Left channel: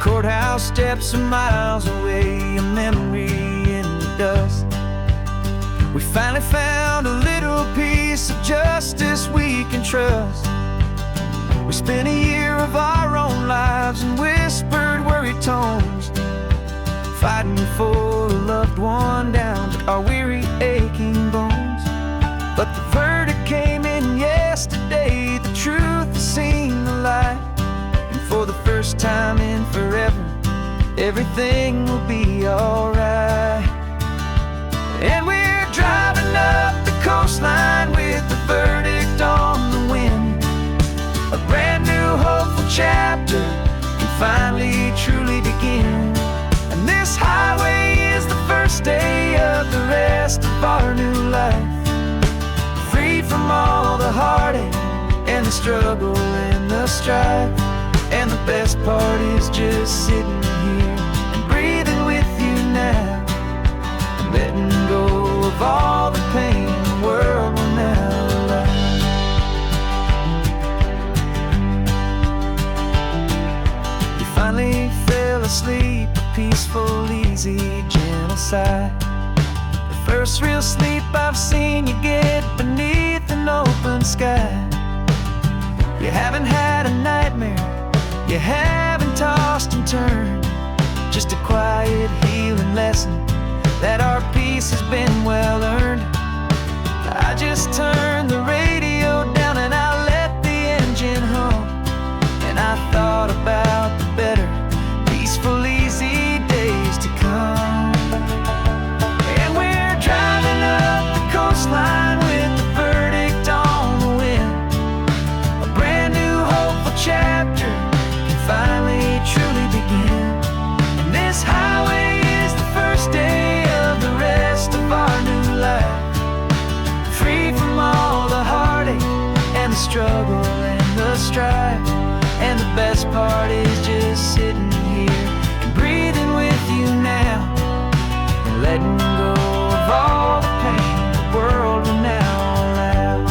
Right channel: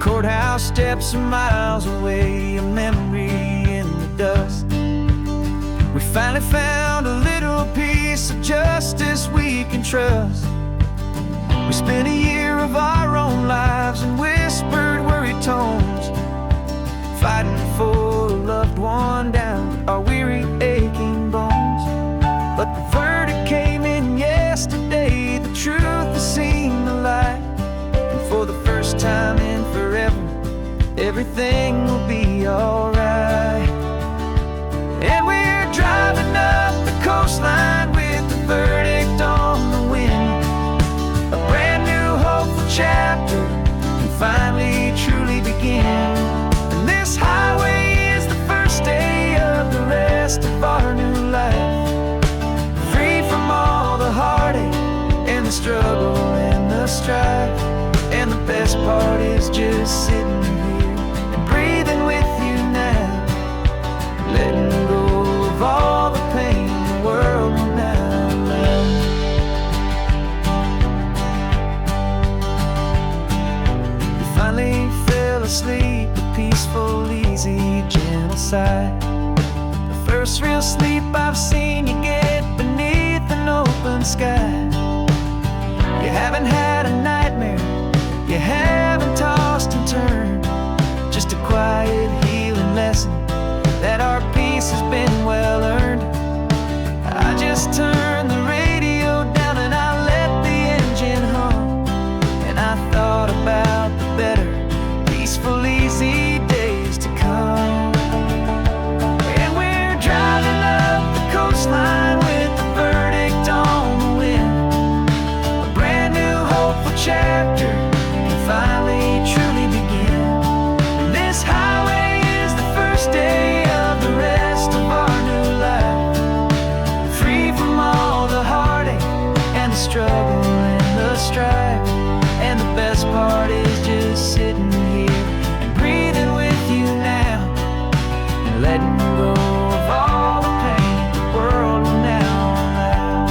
Courthouse steps are miles away, a memory in the dust. We finally found a little piece of justice we can trust. We spent a year of our own lives in whispered, worried tones, fighting for a loved one down to our weary, aching bones. But the verdict came in yesterday, the truth has seen the light. And for the first time in forever, everything will be alright. And we're driving up the coastline with the verdict on the wind. A brand new hopeful chapter can finally truly begin. And this highway is the first day of the rest of our new life, free from all the heartache and the struggle and the strife. And the best part is just sitting here and breathing with you now, letting go of all the pain the world will now allow. We finally fell asleep, a peaceful, easy, gentle sigh. The first real sleep I've seen you get beneath an open sky. You haven't had a nightmare, you haven't tossed and turned, just a quiet healing lesson that our peace has been well earned. I just turned the radio down and I let the engine hum, and I thought about the better, peaceful, easy days to come. And we're driving up the coastline with the verdict on the wind. A brand new hopeful chapter can finally truly begin. And this highway is the first day of the rest of our new life, free from all the heartache and the struggle and the strife. And the best part is just sitting here and breathing with you now, and letting go of all the pain the world will now allow.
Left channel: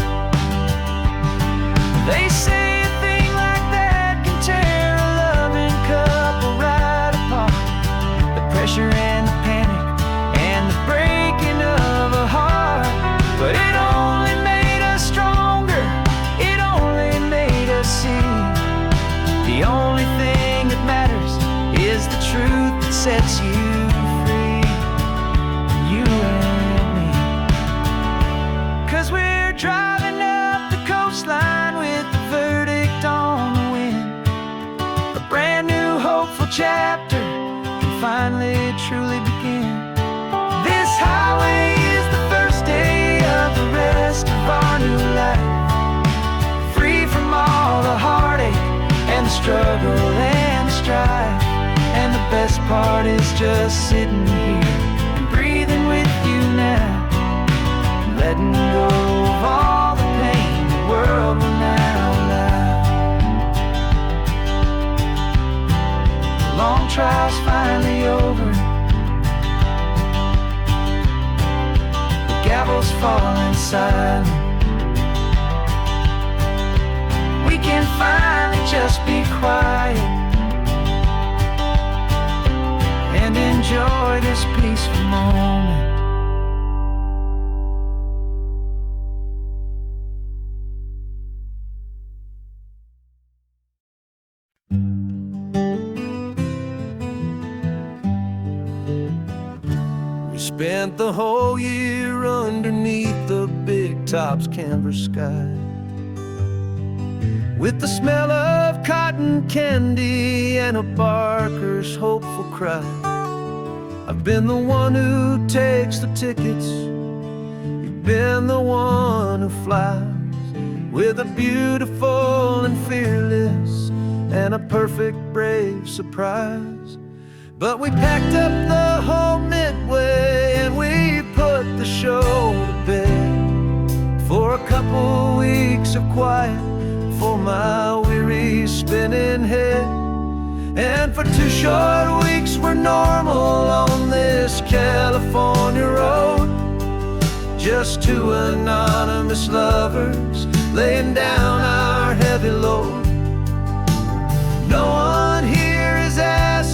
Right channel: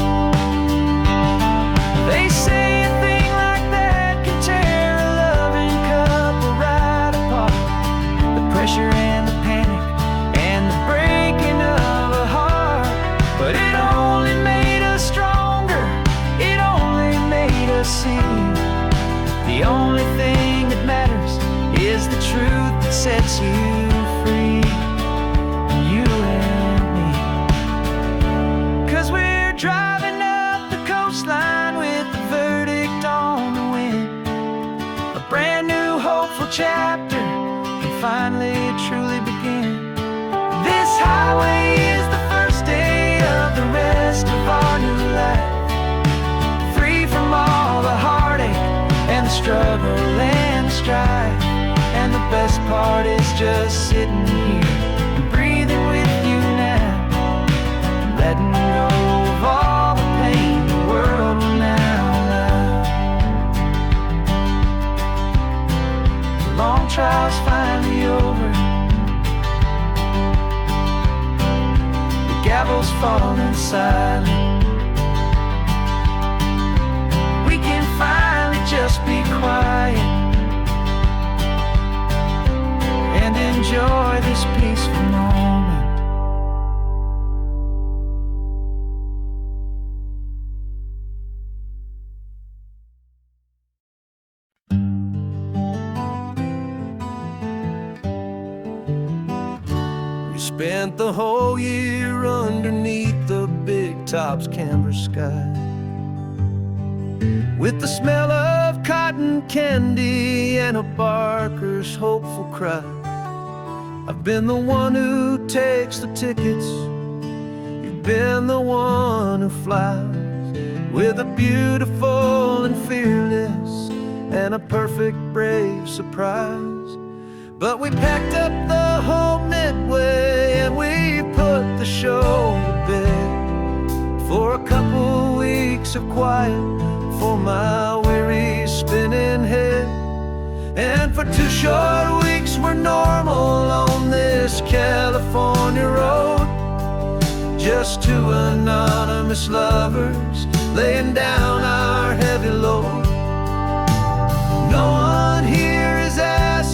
They say a thing like that can tear a loving couple right apart. The pressure and the panic and the breaking of a heart. But it only made us stronger, it only made us see the only thing that matters is the truth that sets you free, you and me. 'Cause we're driving up the coastline with the verdict on the wind. A brand new hopeful chapter can finally truly begin. This highway is the first day of the rest of our new life, free from all the heartache and the struggle and the strife. And the best part is just sitting here and breathing with you now, and letting go of all the pain the world will now allow. The long trial's finally over, the gavel's falling silent. We can finally just be quiet and enjoy this peaceful moment. We spent the whole year underneath the big top's canvas sky, with the smell of cotton candy and a barker's hopeful cry. I've been the one who takes the tickets, you've been the one who flies, with a beautiful and fearless and a perfect brave surprise. But we packed up the whole Midway and we put the show to bed, for a couple weeks of quiet for my weary spinning head. And for 2 short weeks we're normal on this California road, just 2 anonymous lovers laying down our heavy load. No one here is asking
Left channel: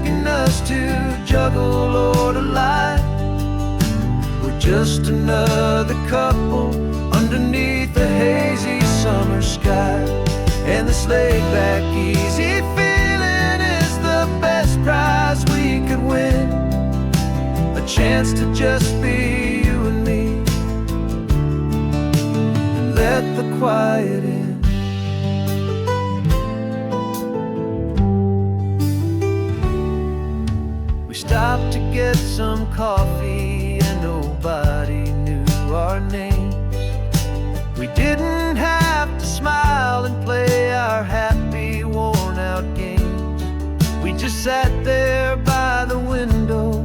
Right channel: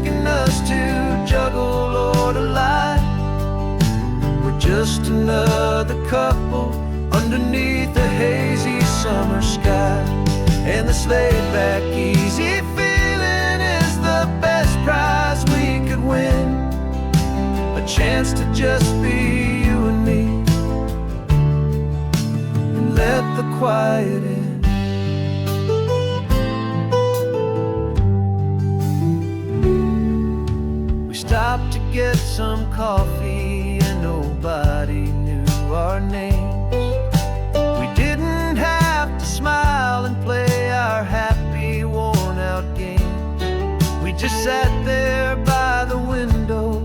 juggle or to lie. We're just another couple underneath the hazy summer sky. And this laid-back, easy feeling is the best prize we could win. A chance to just be you and me, and let the quiet in. We stopped to get some coffee and nobody knew our names. We didn't have to smile and play our happy, worn-out games. We just sat there by the window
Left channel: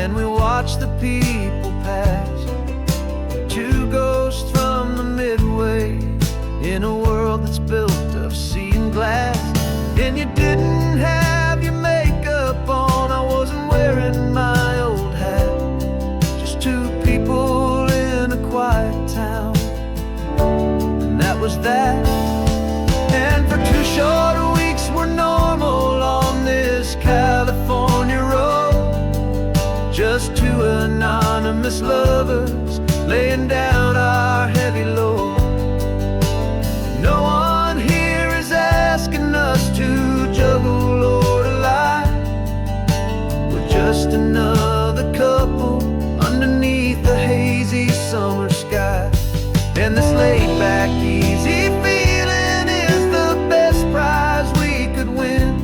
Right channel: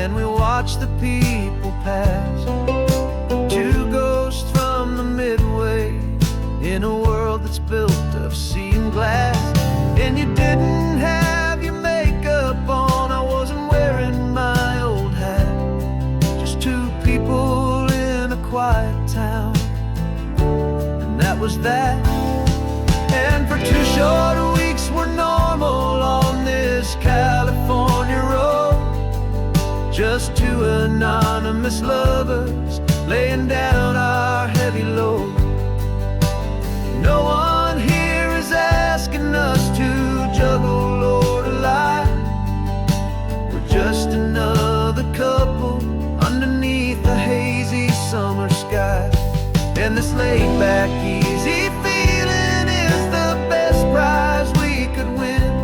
and we watched the people pass. Two ghosts from the Midway in a world that's built of sea and glass. And you didn't have your makeup on, I wasn't wearing my old hat. Just two people in a quiet town, and that was that. And for 2 short weeks we're normal on this California road. Just two anonymous lovers laying down our heavy load. No one here is asking us to juggle or to lie. We're just another couple underneath the hazy summer sky. And this laid-back, easy feeling is the best prize we could win.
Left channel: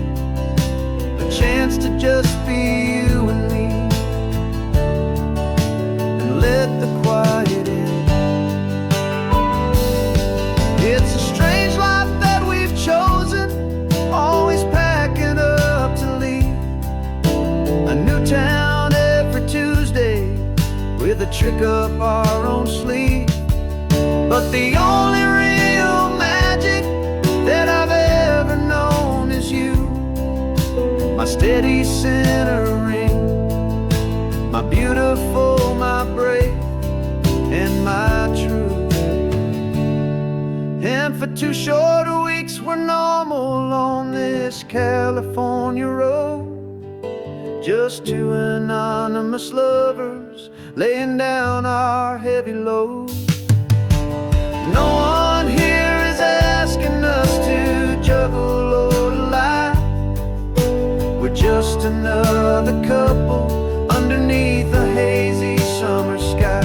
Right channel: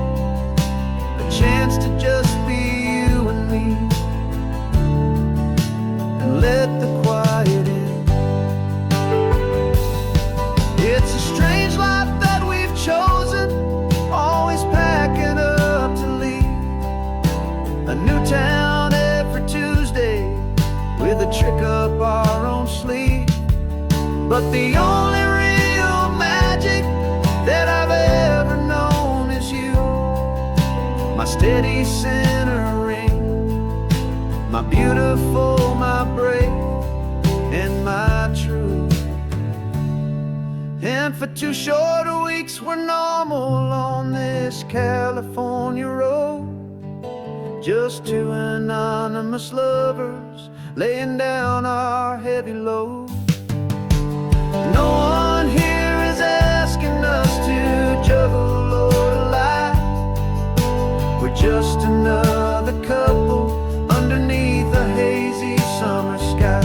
A chance to just be you and me, and let the quiet in. It's a strange life that we've chosen, always packing up to leave. A new town every Tuesday with a trick up our own sleeve. But the only real magic that I've ever known is you, my steady centering, my beautiful, my brave, and my true. And for 2 short weeks we're normal on this California road. Just two anonymous lovers laying down our heavy load. No one here is asking us to juggle or to lie. We're just another couple underneath a hazy summer sky.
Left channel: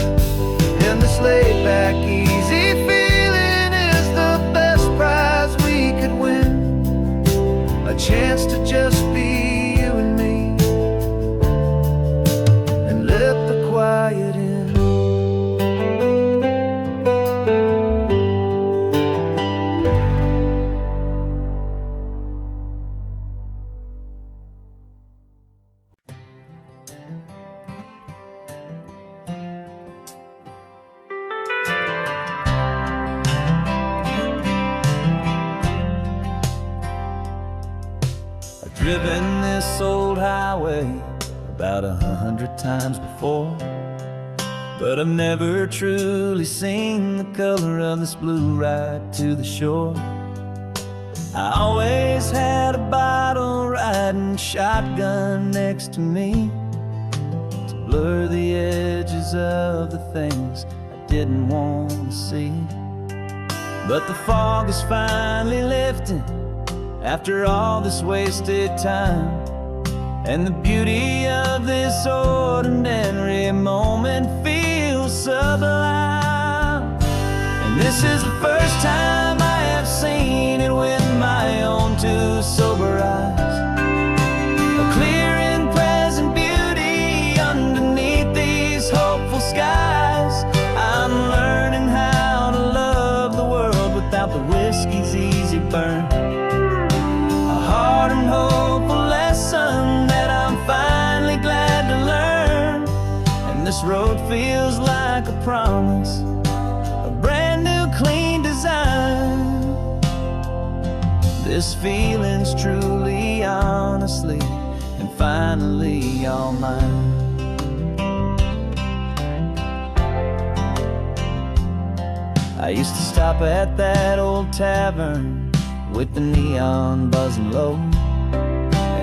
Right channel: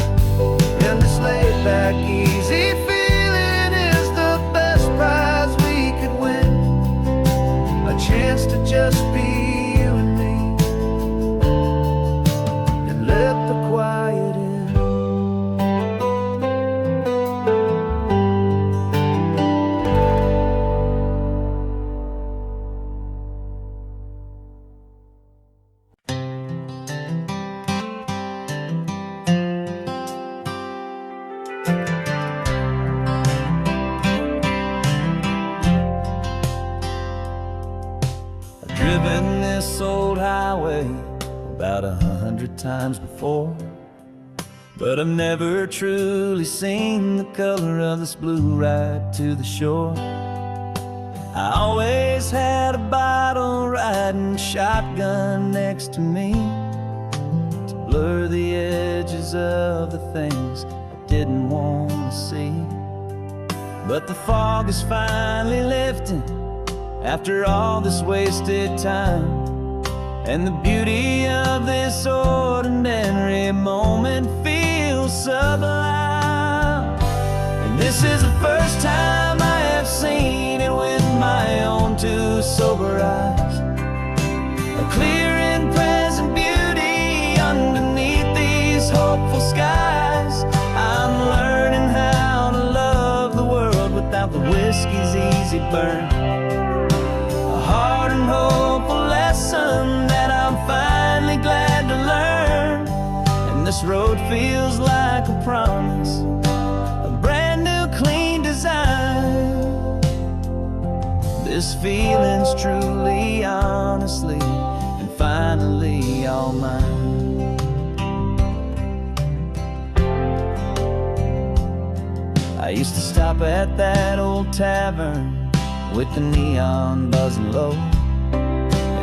And this laid-back, easy feeling is the best prize we could win. A chance to just be you and me, and let the quiet in. Driven this old highway about 100 times before, but I've never truly seen the color of this blue right to the shore. I always had a bottle riding shotgun next to me to blur the edges of the things I didn't want to see. But the fog is finally lifting after all this wasted time, and the beauty of this ordinary moment feels sublime. And this is the first time I have seen it with my own 2 sober eyes. A clear and present beauty underneath these hopeful skies. I'm learning how to love the world without the whiskey's easy burn. A hard and hopeful lesson that I'm finally glad to learn. And this road feels like a promise, a brand new clean design. This feeling's truly, honestly, and finally all mine. I used to stop at that old tavern with the neon buzzing low,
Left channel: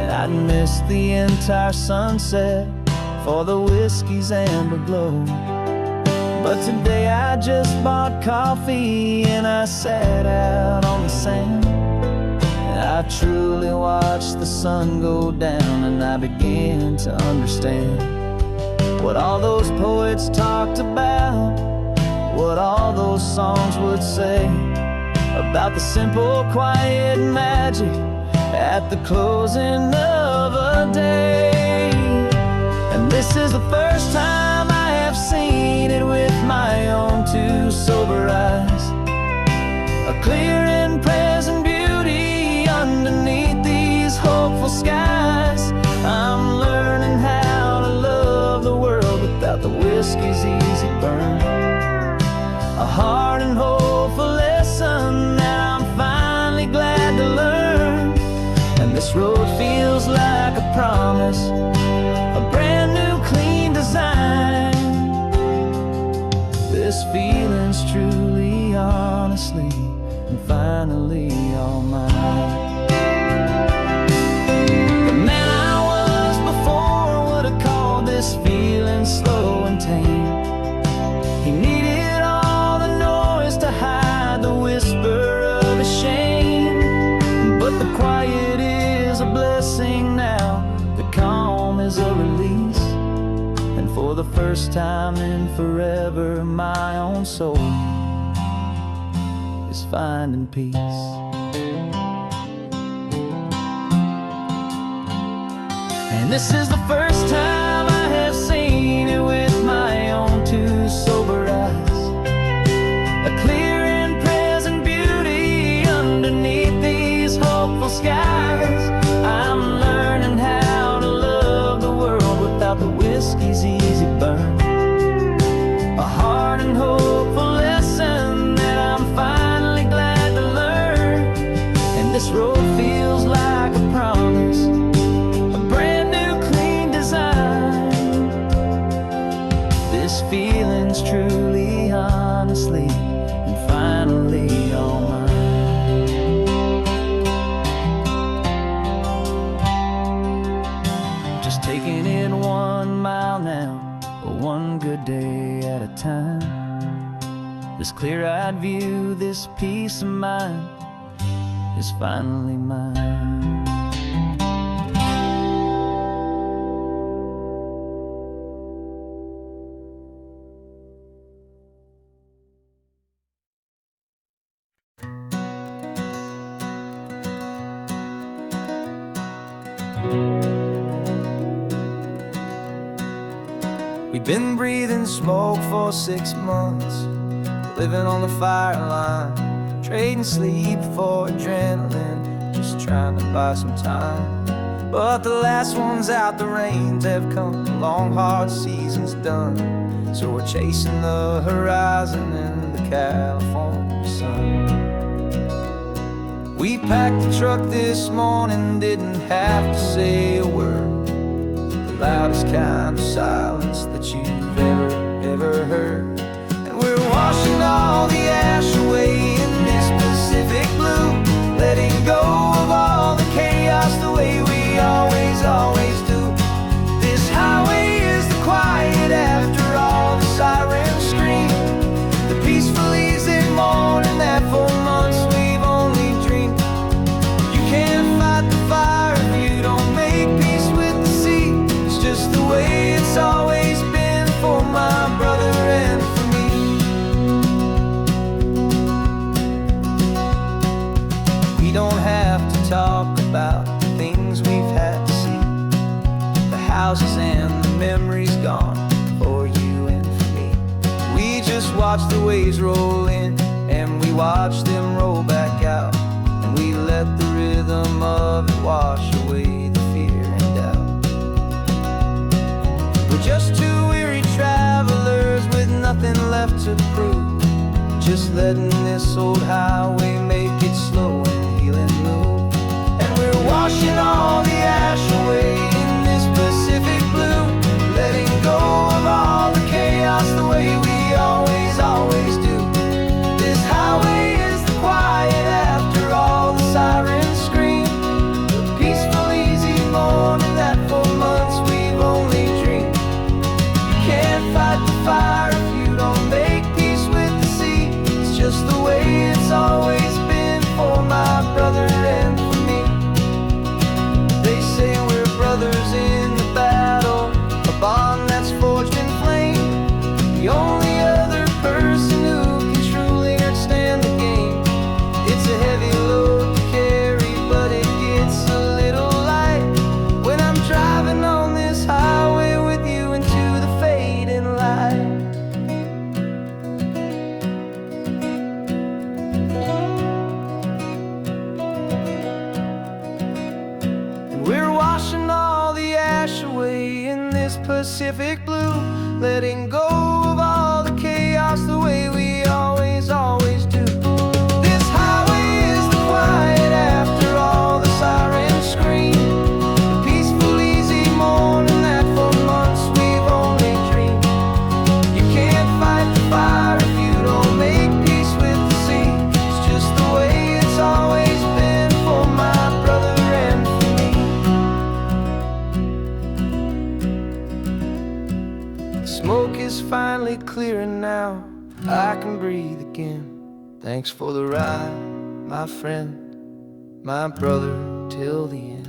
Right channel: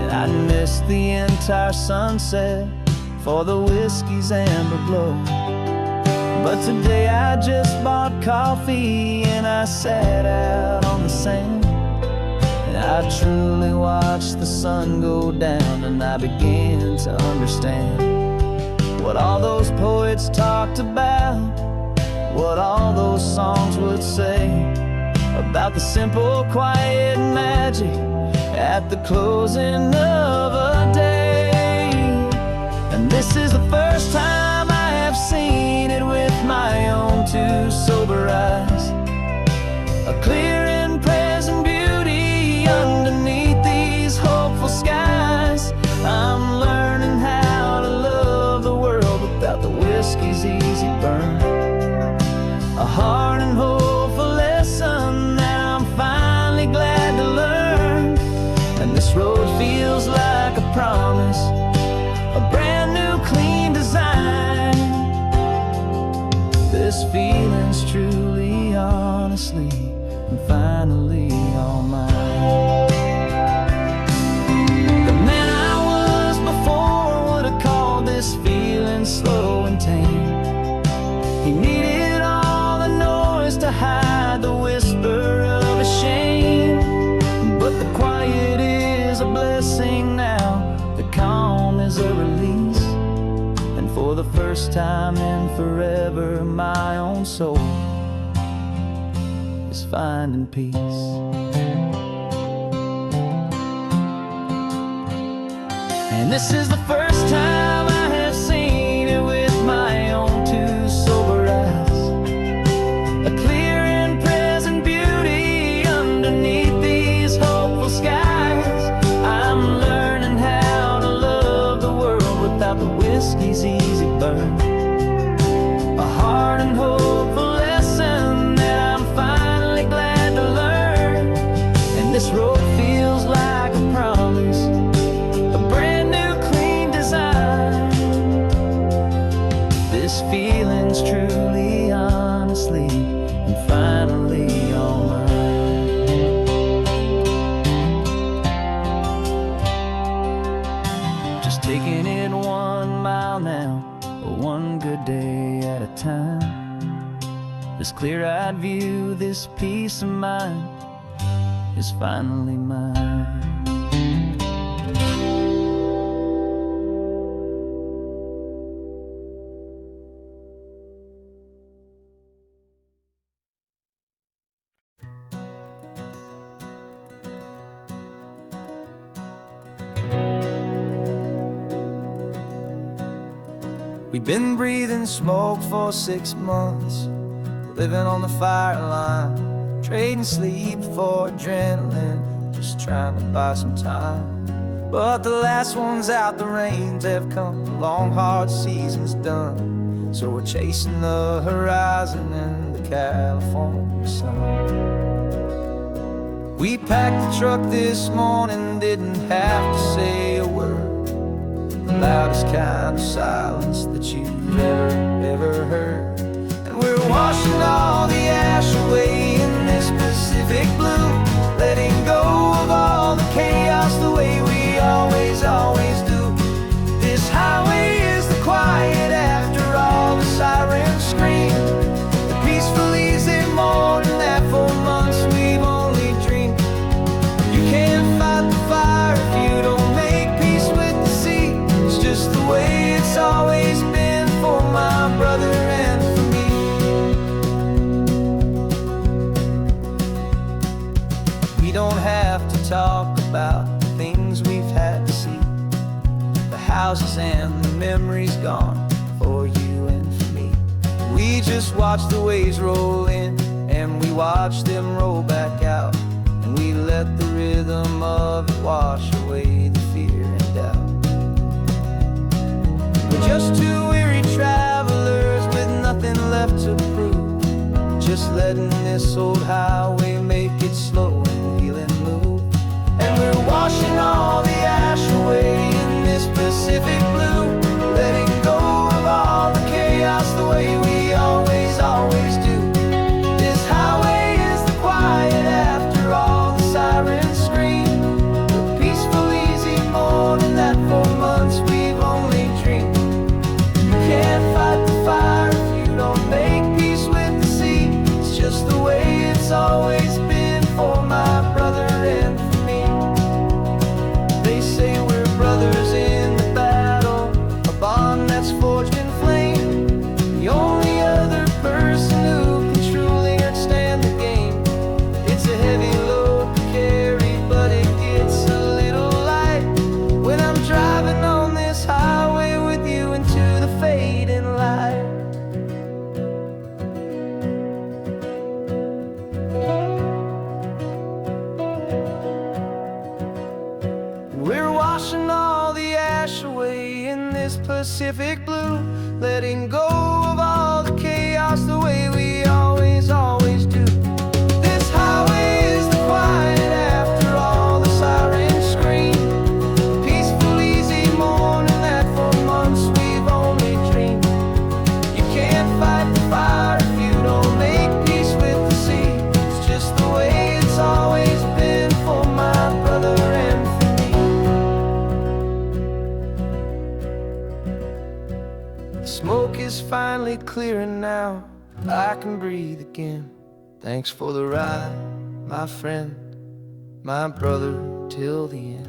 and I'd miss the entire sunset for the whiskey's amber glow. But today I just bought coffee and I sat out on the sand, and I truly watched the sun go down, and I began to understand what all those poets talked about, what all those songs would say about the simple, quiet magic at the closing of a day. And this is the first time I have seen it with my own two sober eyes, a clear and present beauty underneath these hopeful skies. I'm learning how to love the world without the whiskey's easy burn, a hard and hopeful lesson that I'm finally glad to learn. And this road feels like a promise, a brand new clean design. This feeling's truly, honestly, and finally all mine. The man I was before would have called this feeling slow and tame. He needed all the noise to hide the whisper of his shame. But the quiet is a blessing now, the calm is a release, and for the first time in forever my own soul is finding peace. And this is the first time I have seen it with my own two sober eyes, a clear and present beauty underneath these hopeful skies. I'm learning how to love the world without the whiskey's easy burn, a hard and hopeful lesson that I'm finally glad to learn. And this road feels like a promise, a brand new clean design. This feeling's truly, honestly, and finally all mine. Just taking it 1 mile now, one good day at a time. This clear-eyed view, this peace of mind is finally mine. We've been breathing smoke for 6 months, living on the fire line, trading sleep for adrenaline, just trying to buy some time. But the last one's out, the rains have come, the long hard season's done, so we're chasing the horizon in the California sun. We packed the truck this morning, didn't have to say a word, the loudest kind of silence that you've ever heard. And we're washing all the ash away in this Pacific blue, letting go of all the chaos the way we always do. This highway is the quiet after all the sirens scream, the peaceful easy morning that for months we've only dreamed. You can't fight the fire if you don't make peace with the sea. It's just the way it's always been for my brother and for me. We don't have to talk about the things we've had to see, the houses and the memories gone for you and for me. We just watch the waves roll in and we watch them roll back out, and we let the rhythm of it wash away the fear and doubt. We're just two weary travelers with nothing left to prove, just letting this old highway make it slow and healing move. And we're washing all the ash away in this Pacific blue, letting go of all the chaos the way we always do. This highway is the quiet after all the sirens scream, the peaceful easy morning just the way it's always been for my brother and for me. They say we're brothers in the battle, a bond that's forged in flame. The only other person who can truly understand the game. It's a heavy load to carry, but it gets a little light when I'm driving on this highway with you into the fading light. And we're washing all the ash away in this Pacific blue, letting go of all the chaos the way we always do. This highway is the quiet after all the sirens scream, the peaceful, easy morning that for months we've only dreamed. You can't fight the fire if you don't make peace with the sea. It's just the way it's always been for my brother and for me. The smoke is finally clearing now, I can breathe again. Thanks for the ride, my friend, my brother, till the end.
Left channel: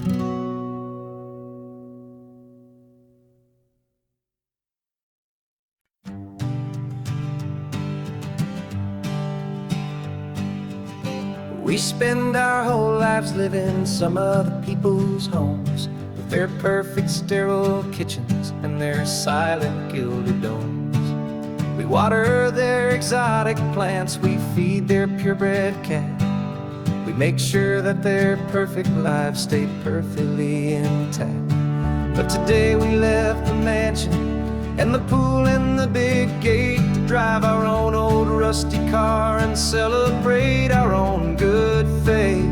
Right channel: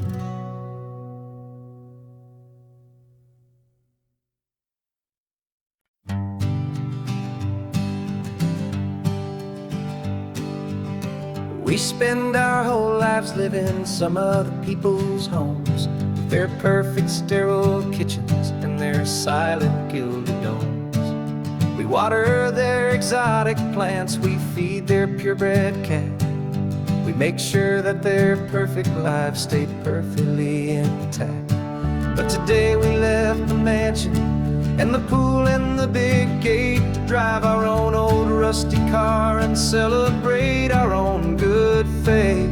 We spend our whole lives living some other people's homes, with their perfect sterile kitchens and their silent gilded domes. We water their exotic plants, we feed their purebred cat. We make sure that their perfect lives stay perfectly intact. But today we left the mansion and the pool and the big gate to drive our own old rusty car and celebrate our own good faith.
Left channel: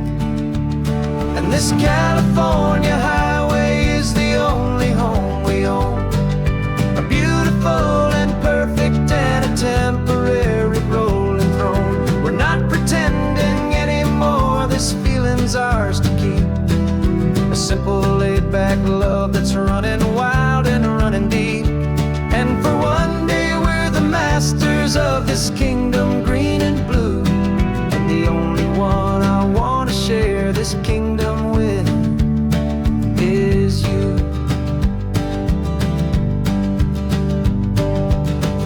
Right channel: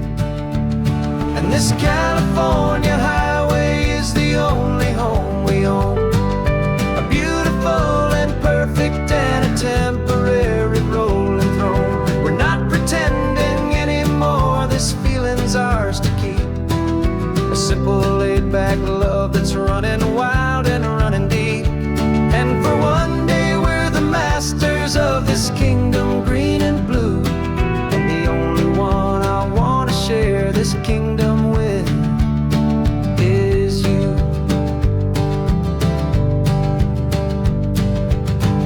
And this California highway is the only home we own, a beautiful and perfect and a temporary rolling throne. We're not pretending anymore, this feeling's ours to keep. A simple laid-back love that's running wild and running deep. And for one day we're the masters of this kingdom green and blue, and the only one I want to share this kingdom with is you.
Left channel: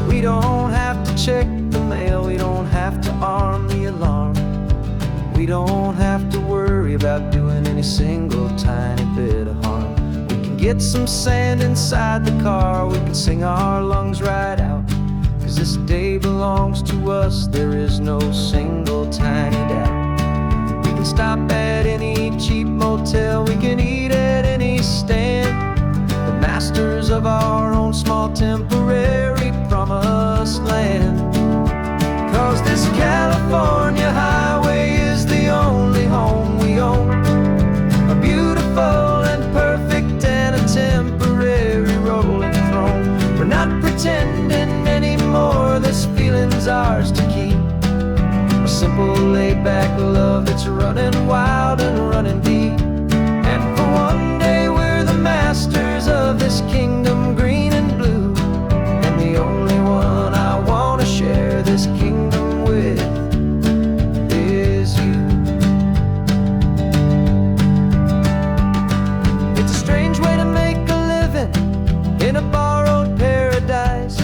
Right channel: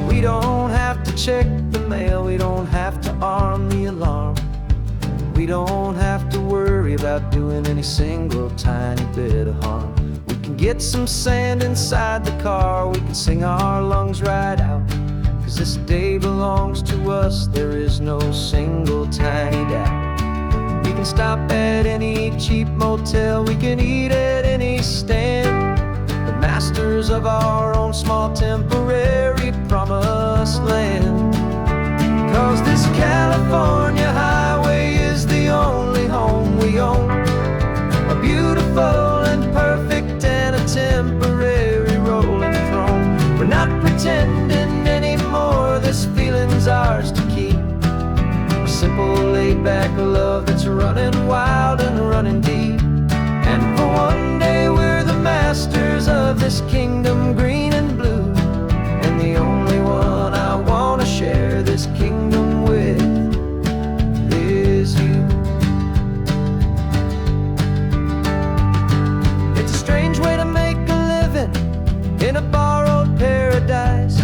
We don't have to check the mail, we don't have to arm the alarm. We don't have to worry about doing any single tiny bit of harm. We can get some sand inside the car, we can sing our lungs right out, 'cause this day belongs to us, there is no single tiny doubt. We can stop at any cheap motel, we can eat at any stand, the masters of our own small temporary promised land. 'Cause this California highway is the only home we own, a beautiful and perfect and a temporary rolling throne. We're not pretending anymore, this feeling's ours to keep. A simple laid-back love that's running wild and running deep. And for one day we're the masters of this kingdom green and blue, and the only one I want to share this kingdom with is you. It's a strange way to make a living in a borrowed paradise,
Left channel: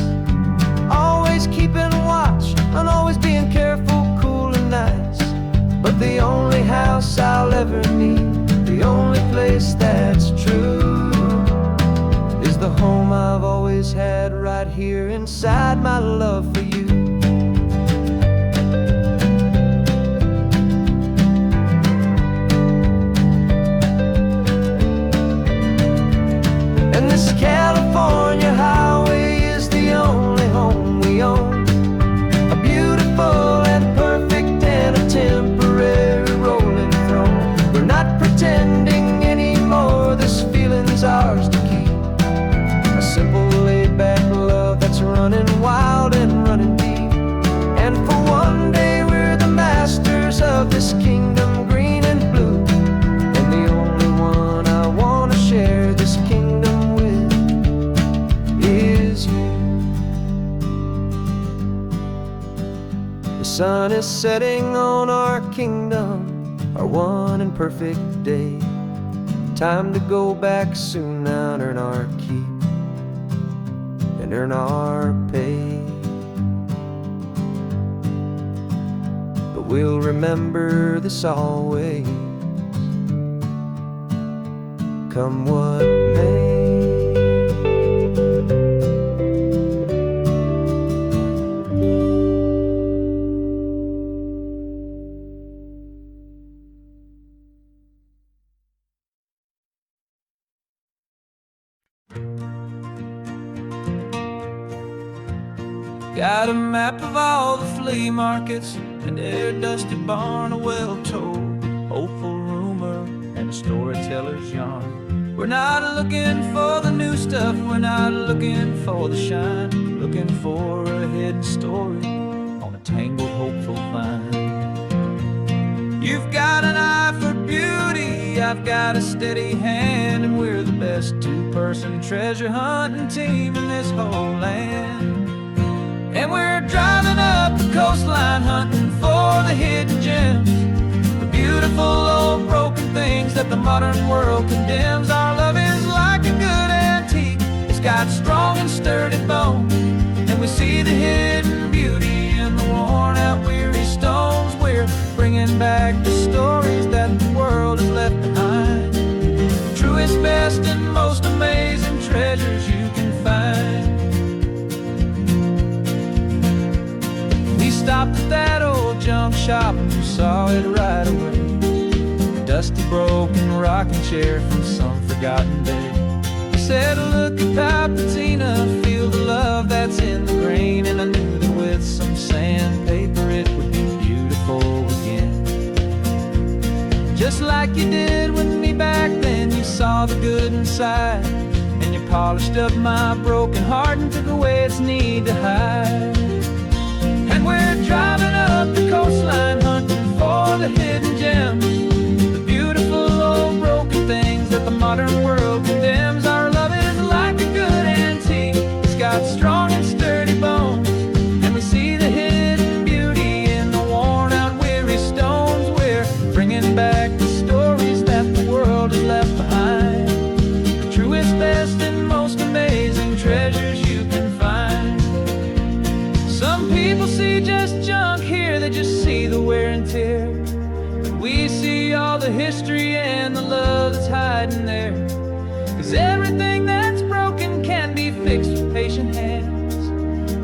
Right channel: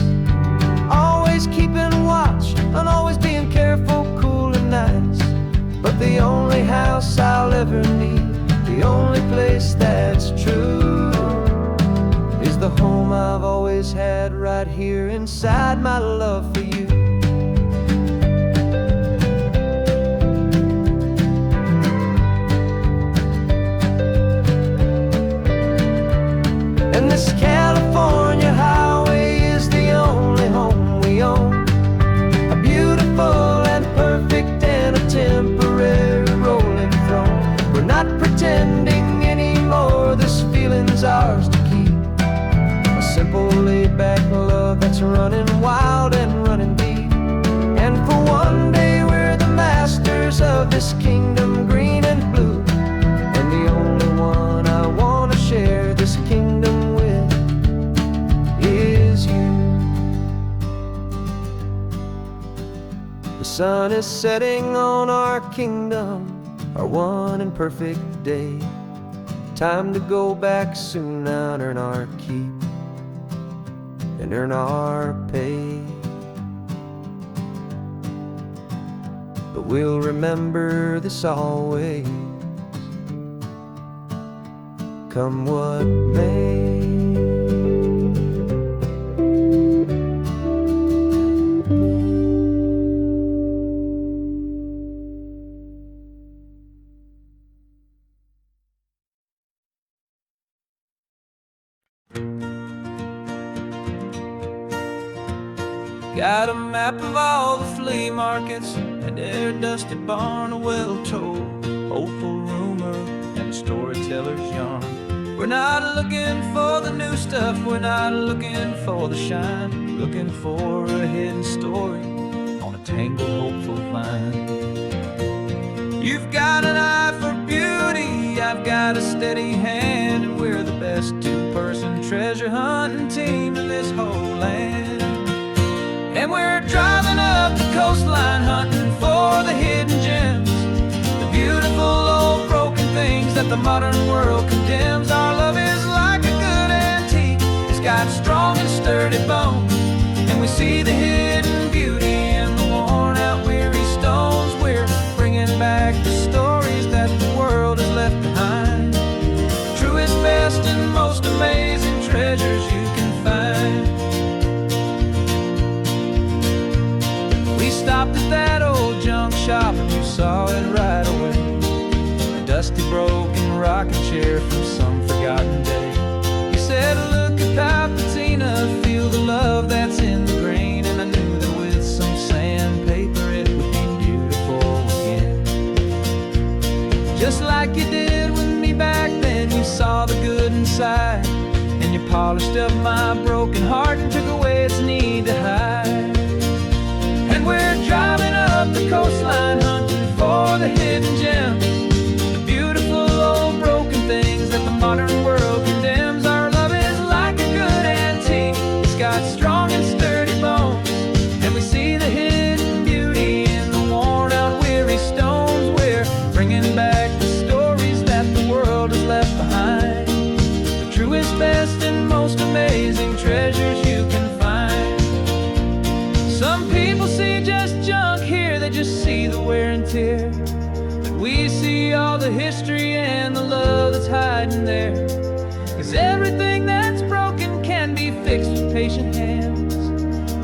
always keeping watch and always being careful, cool and nice. But the only house I'll ever need, the only place that's true, is the home I've always had right here inside my love for you. And this California highway is the only home we own, a beautiful and perfect and a temporary rolling throne. We're not pretending anymore, this feeling's ours to keep. A simple laid-back love that's running wild and running deep. And for one day we're the masters of this kingdom green and blue, and the only one I want to share this kingdom with is you. The sun is setting on our kingdom, our one and perfect day. Time to go back soon now and earn our keep and earn our pay. But we'll remember this always, come what may. Got a map of all the flea markets and every dusty barn, a well-told, hopeful rumor and a storyteller's yarn. We're not looking for the new stuff, we're not looking for the shine, looking for a hidden story on a tangled, hopeful vine. You've got an eye for beauty, I've got a steady hand, and we're the best two-person treasure hunting team in this whole land. And we're driving up the coastline hunting for the hidden gems, the beautiful old broken things that the modern world condemns. Our love is like a good antique, it's got strong and sturdy bones, and we see the hidden beauty in the worn out weary stones. We're bringing back the stories that the world has left behind, the truest, best, and most amazing treasures you can find. We stopped at that old junk shop and you saw it right away, a dusty, broken rocking chair from some forgotten day. You said, look at that patina, feel the love that's in the grain, and I knew that with some sandpaper it would be beautiful again. Just like you did with me back then, you saw the good inside, and you polished up my broken heart and took away its need to hide. And we're driving up the coastline hunting for the hidden gems, the beautiful old broken things that the modern world condemns. Our love is like a good antique, it's got strong and sturdy bones, and we see the hidden beauty in the worn out weary stones. We're bringing back the stories that the world has left behind, the truest, best, and most amazing treasures you can find. Some people see just junk here, they just see the wear and tear, but we see all the history and the love that's hiding there. 'Cause everything that's broken can be fixed with patient hands,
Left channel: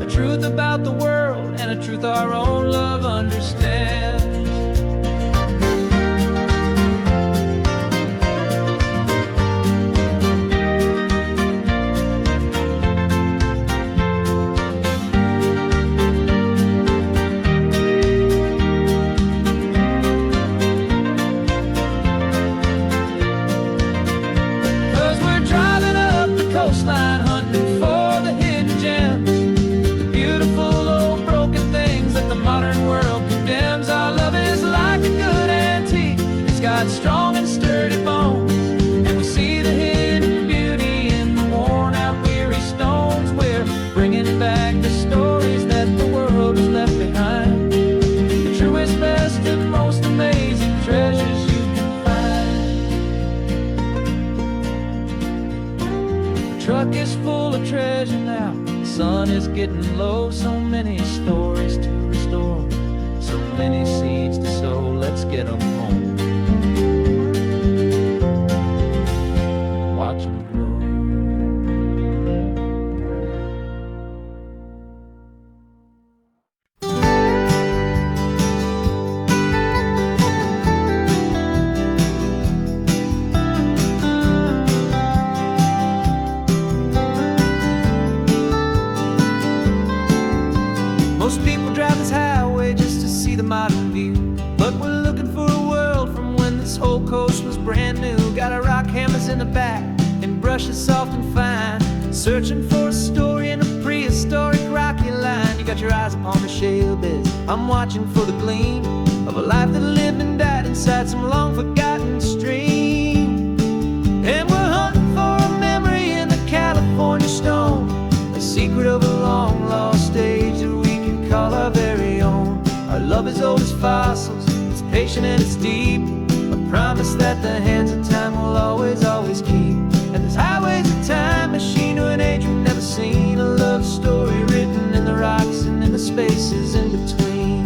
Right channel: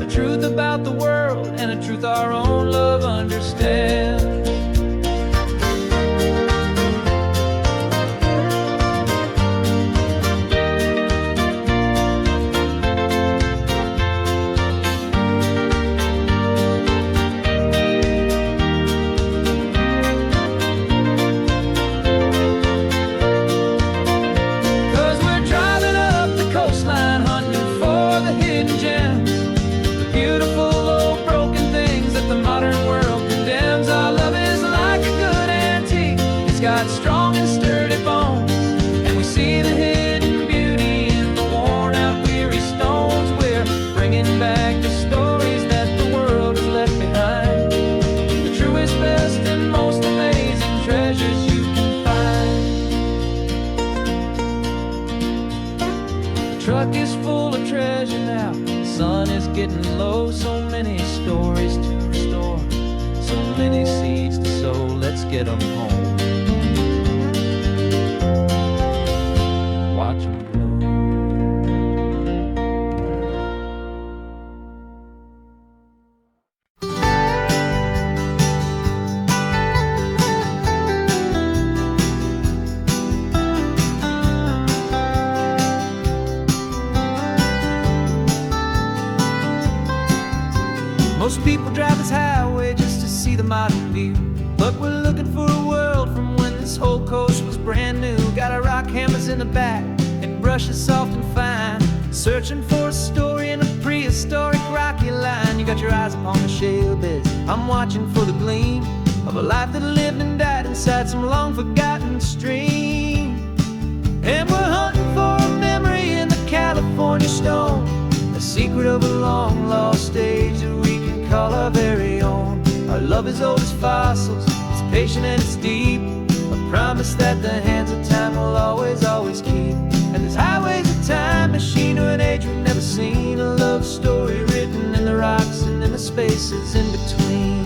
a truth about the world and a truth our own love understands. 'Cause we're driving up the coastline hunting for the hidden gems, the beautiful old broken things that the modern world condemns. Our love is like a good antique, it's got strong and sturdy bones, and we see the hidden beauty in the worn out weary stones. We're bringing back the stories that the world has left behind, the truest, best, and most amazing treasures you can find. The truck is full of treasure now, the sun is getting low. So many stories to restore, so many seeds to sow. Let's get them home, watch them grow. Most people drive this highway just to see the modern view, but we're looking for a world from when this whole coast was brand new. Got our rock hammers in the back and brushes soft and fine, searching for a story in a prehistoric rocky line. You got your eyes upon the shale beds, I'm watching for the gleam of a life that lived and died inside some long forgotten stream. And we're hunting for a memory in the California stone, a secret of a long lost age that we can call our very own. Our love is old as fossils, it's patient and it's deep, a promise that the hands of time will always, always keep. And this highway's a time machine to an age we've never seen, a love story written in the rocks and in the spaces in between.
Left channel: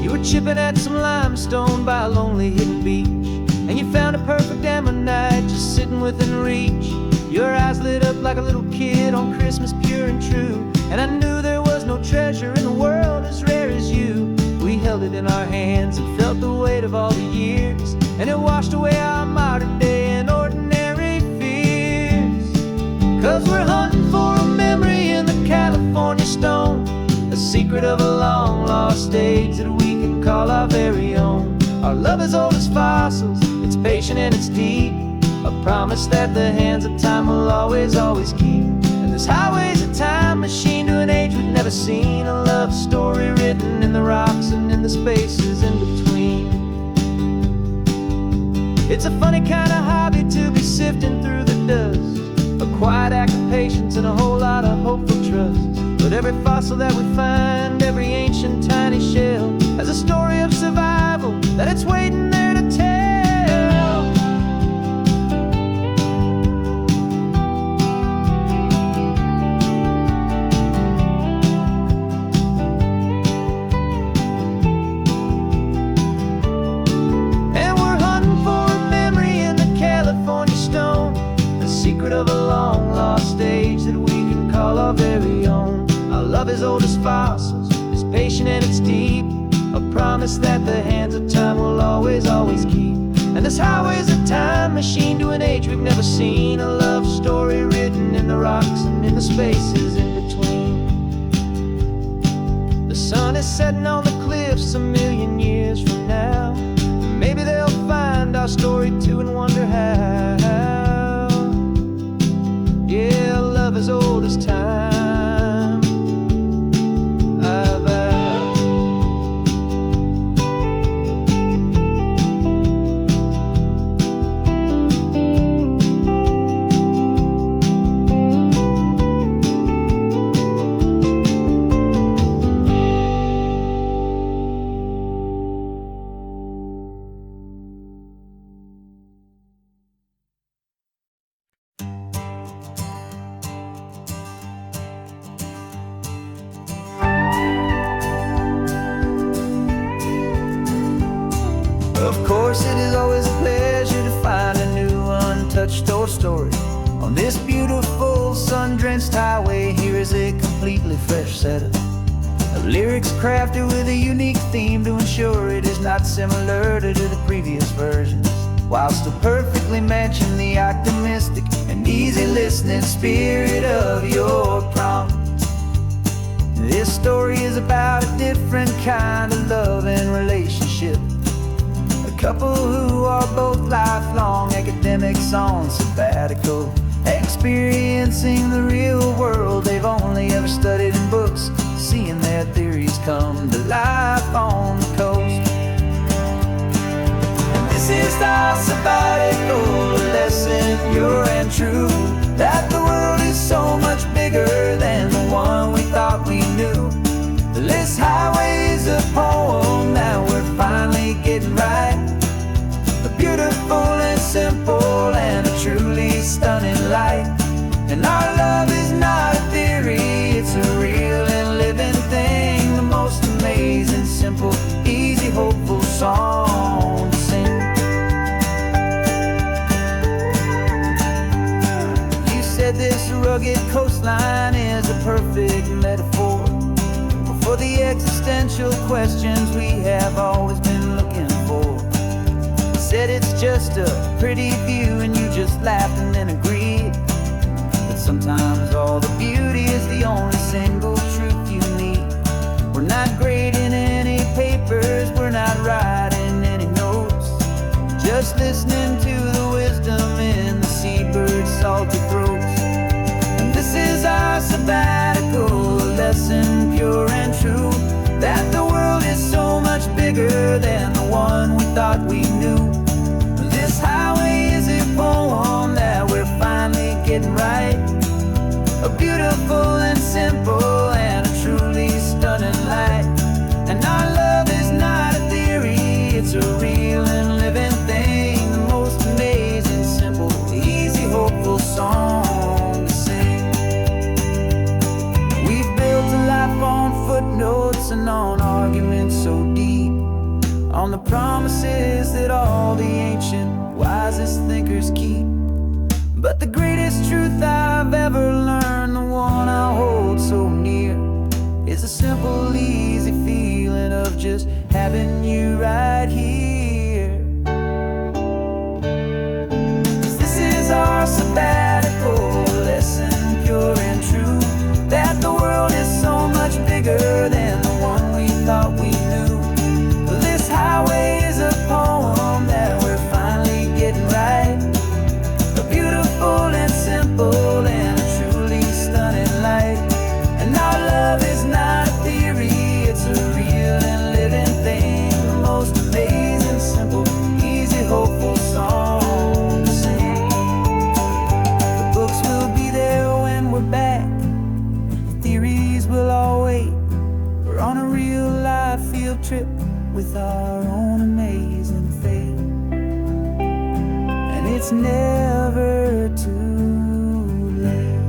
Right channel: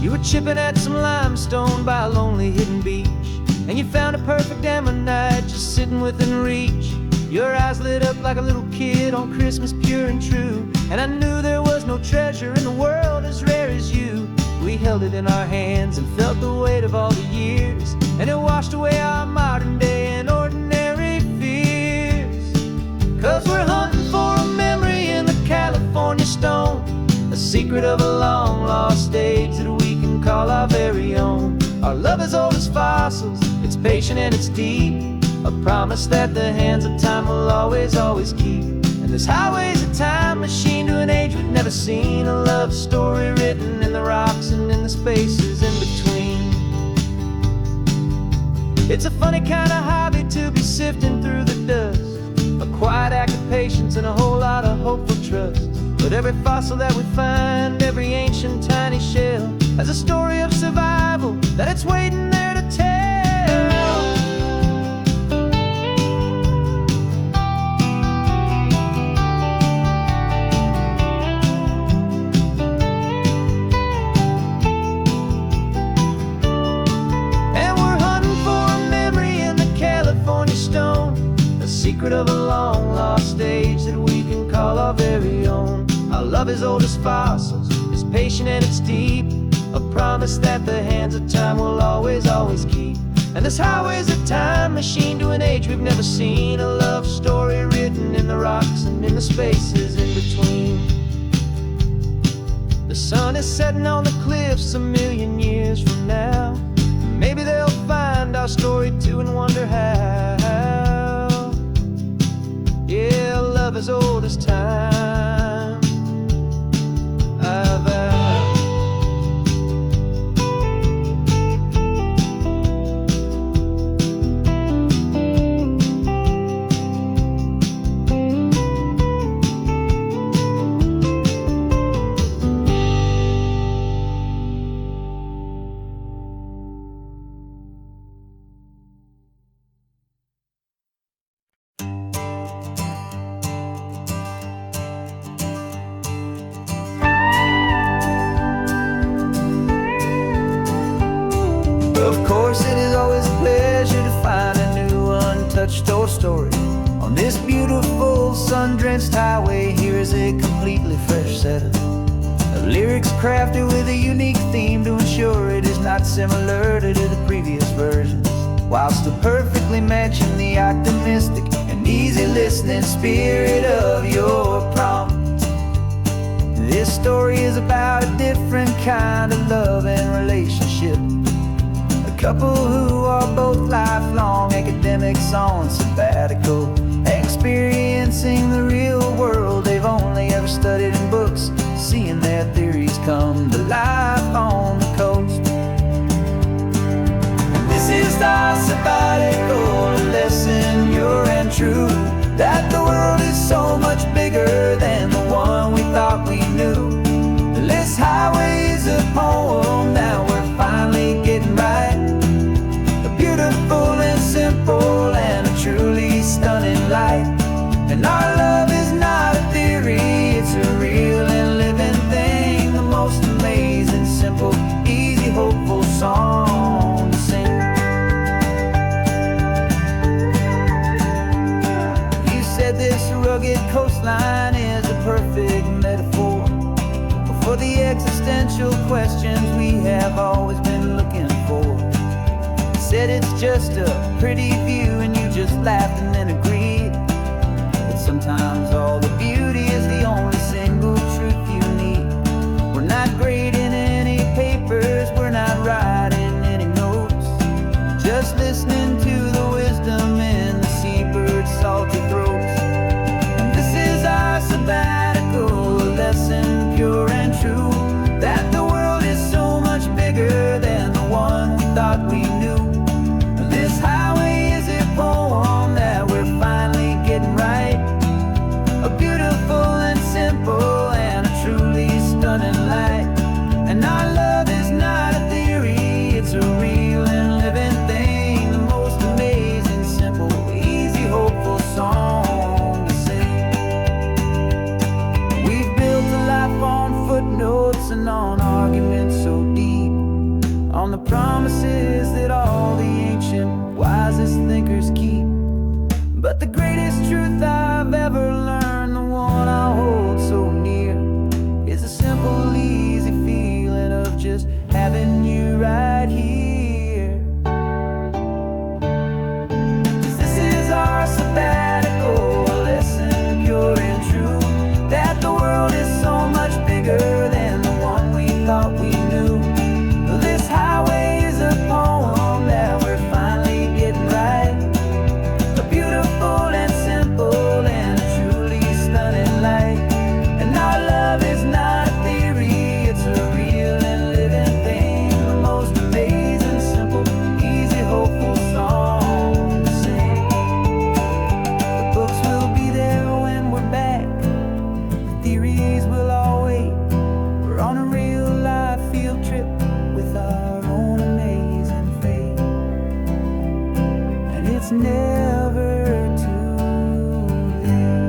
You were chipping at some limestone by a lonely hidden beach, and you found a perfect ammonite just sitting within reach. Your eyes lit up like a little kid on Christmas, pure and true, and I knew there was no treasure in the world as rare as you. We held it in our hands and felt the weight of all the years, and it washed away our modern day and ordinary fears. 'Cause we're hunting for a memory in the California stone, a secret of a long lost age that we can call our very own. Our love is old as fossils, it's patient and it's deep, a promise that the hands of time will always, always keep. And this highway's a time machine to an age we've never seen, a love story written in the rocks and in the spaces in between. It's a funny kind of hobby to be sifting through the dust, a quiet act of patience and a whole lot of hopeful trust. But every fossil that we find, every ancient tiny shell, has a story of survival that it's waiting there to tell. And we're hunting for a memory in the California stone, a secret of a long lost age that we can call our very own. Our love is old as fossils, it's patient and it's deep, a promise that the hands of time will always, always keep. And this highway's a time machine to an age we've never seen, a love story written in the rocks and in the spaces in between. The sun is setting on the cliffs a million years from now, and maybe they'll find our story too and wonder how. Yeah, love is old as time. Of course, it is always a pleasure to find a new untouched old story. On this beautiful sun-drenched highway, here is a completely fresh set of lyrics crafted with a unique theme to ensure it is not similar to the previous versions, while still perfectly matching the optimistic and easy listening spirit of your prompt. This story is about a different kind of love and relationship, a couple who are both lifelong academics on sabbatical, experiencing the real world they've only ever studied in books, seeing their theories come to life on the coast. And this is our sabbatical lesson, pure and true, that the world is so much bigger than the one we thought we knew. This highway is a poem that we're finally getting right, a beautiful and simple and a truly stunning light. And our love is not a theory, it's a real and living thing, the most amazing, simple, easy, hopeful song to sing. You said this rugged coastline is a perfect metaphor for the existential questions we have always been looking for. You said it's just a pretty view and you just laughed and then agreed, but sometimes all the beauty is the only single truth you need. We're not grading any papers, we're not writing any notes, just listening to the wisdom in the seabird's salty throats. And this is our sabbatical lesson, pure and true, that the world is so much bigger than the one we thought we knew. This highway is a poem that we're finally getting right, a beautiful and simple and a truly stunning stunning light. And our love is not a theory, it's a real and living thing. The most amazing, simple, easy, hopeful song to sing. We've built a life on footnotes and on arguments so deep, on the promises that all the ancient, wisest thinkers keep. But the greatest truth I've ever learned, the one I hold so near, is a simple, easy feeling of just having you right here. 'Cause this is our sabbatical, a lesson pure and true, that the world is so much bigger than the one we thought we knew. This highway is a poem that we're finally getting right, a beautiful and simple and a truly stunning light. And our love is not a theory, it's a real and living thing. The most amazing, simple, easy, hopeful song to sing. The books will be there when we're back, the theories will all wait. We're on a real life field trip with our own amazing fate, and it's never too late.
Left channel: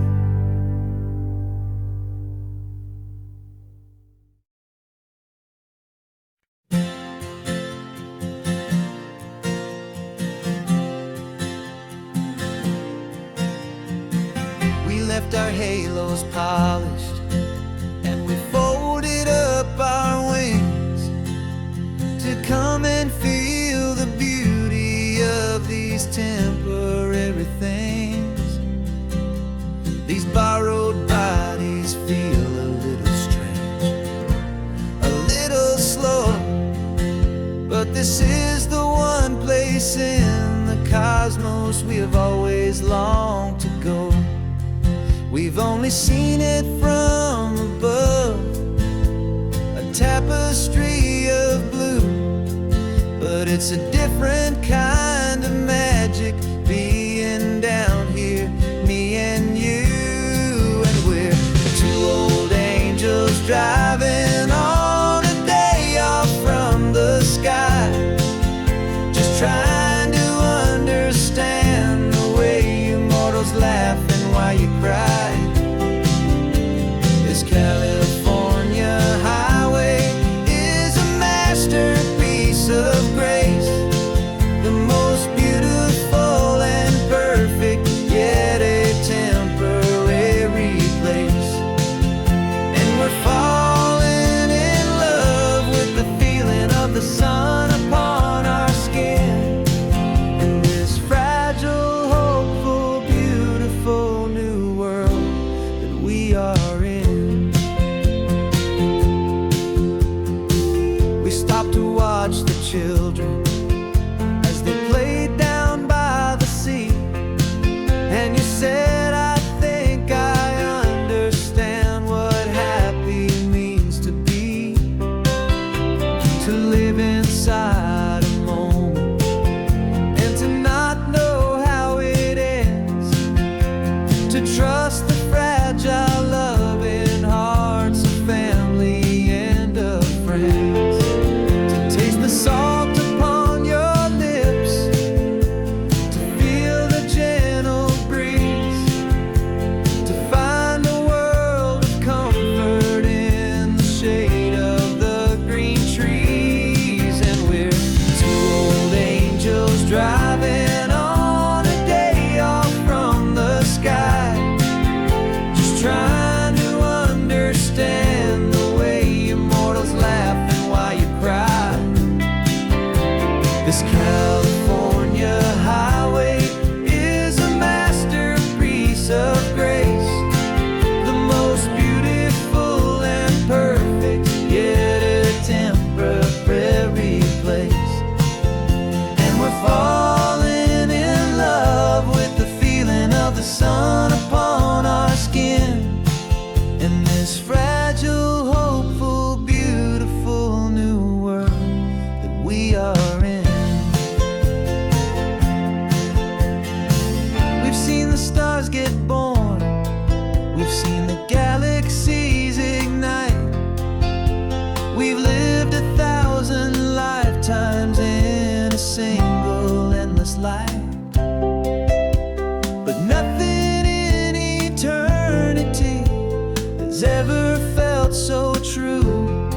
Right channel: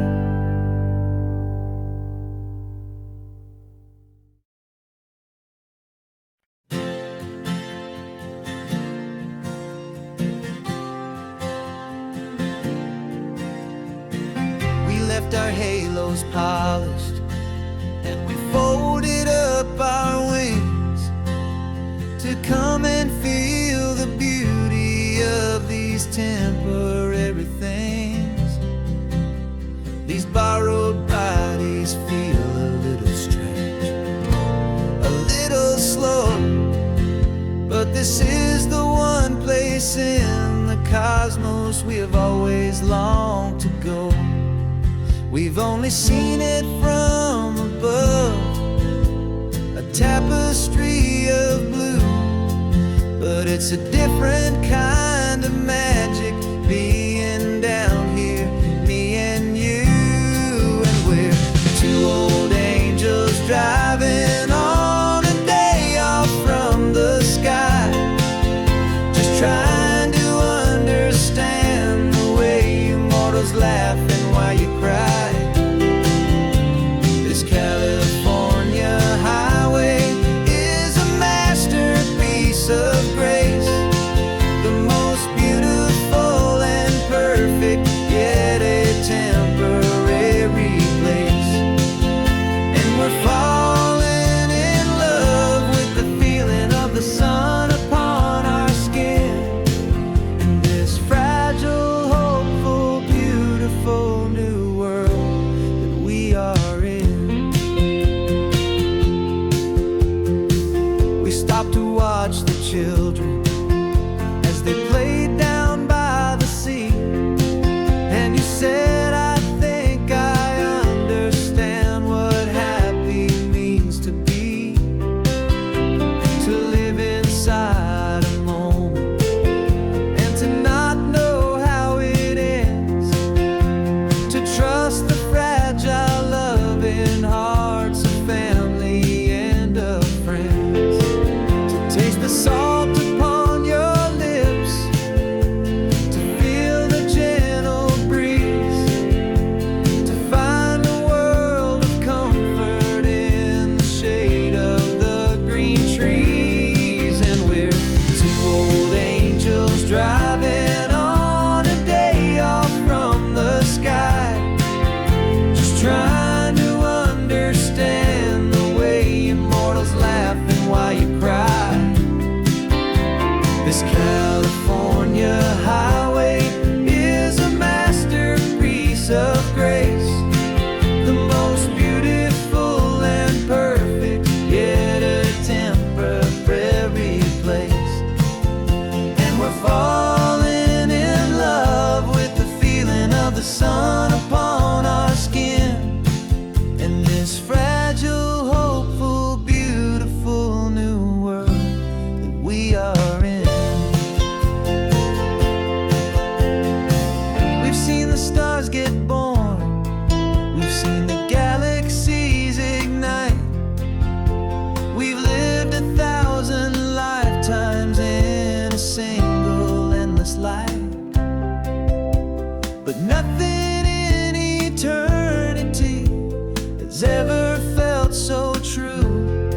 We left our halos polished, and we folded up our wings to come and feel the beauty of these temporary things. These borrowed bodies feel a little strange, a little slow, but this is the one place in the cosmos we have always longed to go. We've only seen it from above, a tapestry of blue, but it's a different kind of magic being down here, me and you. And we're two old angels driving on a day off from the sky, just trying to understand the way you mortals laugh and why you cry. This California highway is a masterpiece of grace, the most beautiful and perfect, yet a temporary place. And we're falling in love with the feeling of the sun upon our skin, in this fragile, hopeful, beautiful new world that we are in. We stopped to watch the children as they played down by the sea, and you said, I think I understand what happy means to be, to live inside a moment and to not know how it ends, to trust the fragile loving hearts of family and of friends, to taste the salt upon your lips, to feel the gentle breeze, to find a world of comfort in the shade of the green trees. And we're two old angels driving on a day off from the sky, just trying to understand the way immortals laugh and why you cry. This California highway is a masterpiece of grace, the most beautiful and perfect, yet a temporary place. And we're falling in love with the feeling of the sun upon our skin, in this fragile, hopeful, beautiful new world that we are in. We've seen the stars get born, we've seen the galaxies ignite, has ever felt so true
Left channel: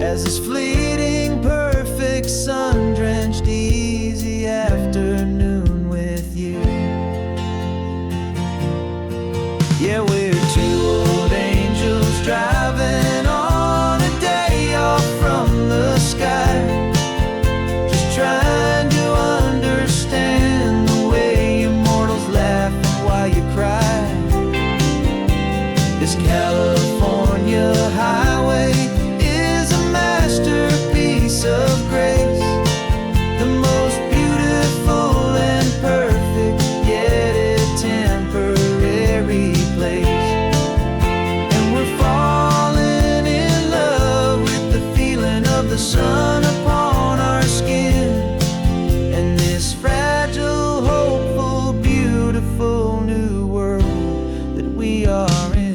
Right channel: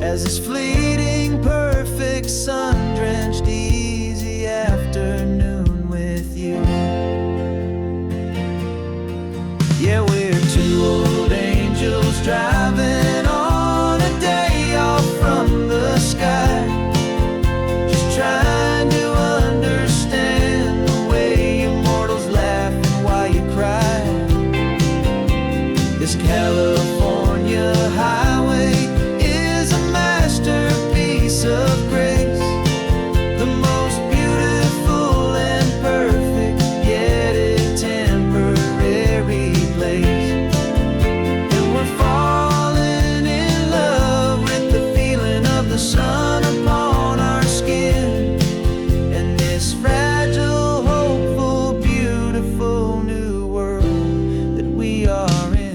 as this fleeting, perfect, sun-drenched, easy afternoon with you. Yeah, we're two old angels driving on a day off from the sky, just trying to understand the way immortals laugh and why you cry. This California highway is a masterpiece of grace, the most beautiful and perfect, yet a temporary place. And we're falling in love with the feeling of the sun upon our skin, and this fragile, hopeful, beautiful new world that we are in.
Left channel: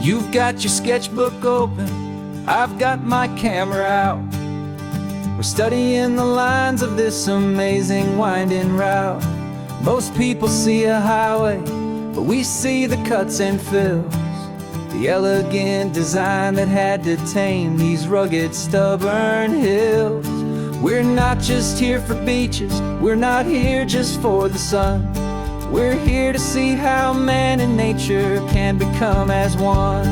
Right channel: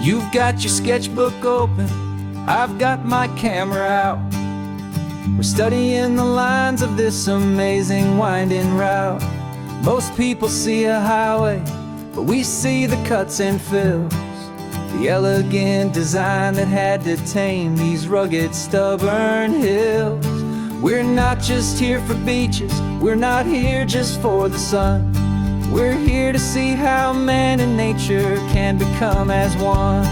You've got your sketchbook open, I've got my camera out. We're studying the lines of this amazing winding route. Most people see a highway, but we see the cuts and fills, the elegant design that had to tame these rugged, stubborn hills. We're not just here for beaches, we're not here just for the sun. We're here to see how man and nature can become as one.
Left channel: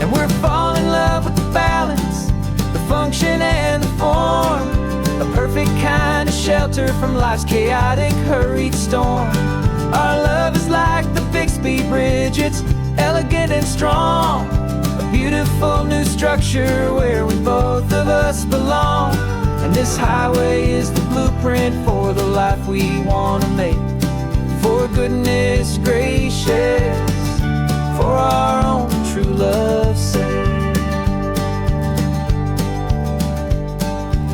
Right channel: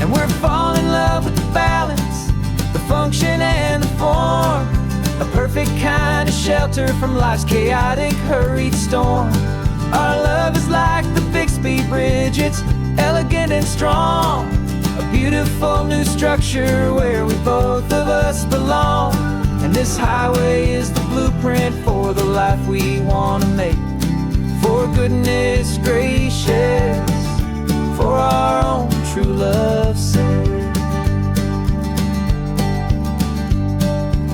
And we're falling in love with the balance, the function and the form, a perfect kind of shelter from life's chaotic, hurried storm. Our love is like the Bixby Bridge, it's elegant and strong, a beautiful new structure where we both of us belong. And this highway is the blueprint for the life we want to make. For goodness gracious, for our own true love's sake.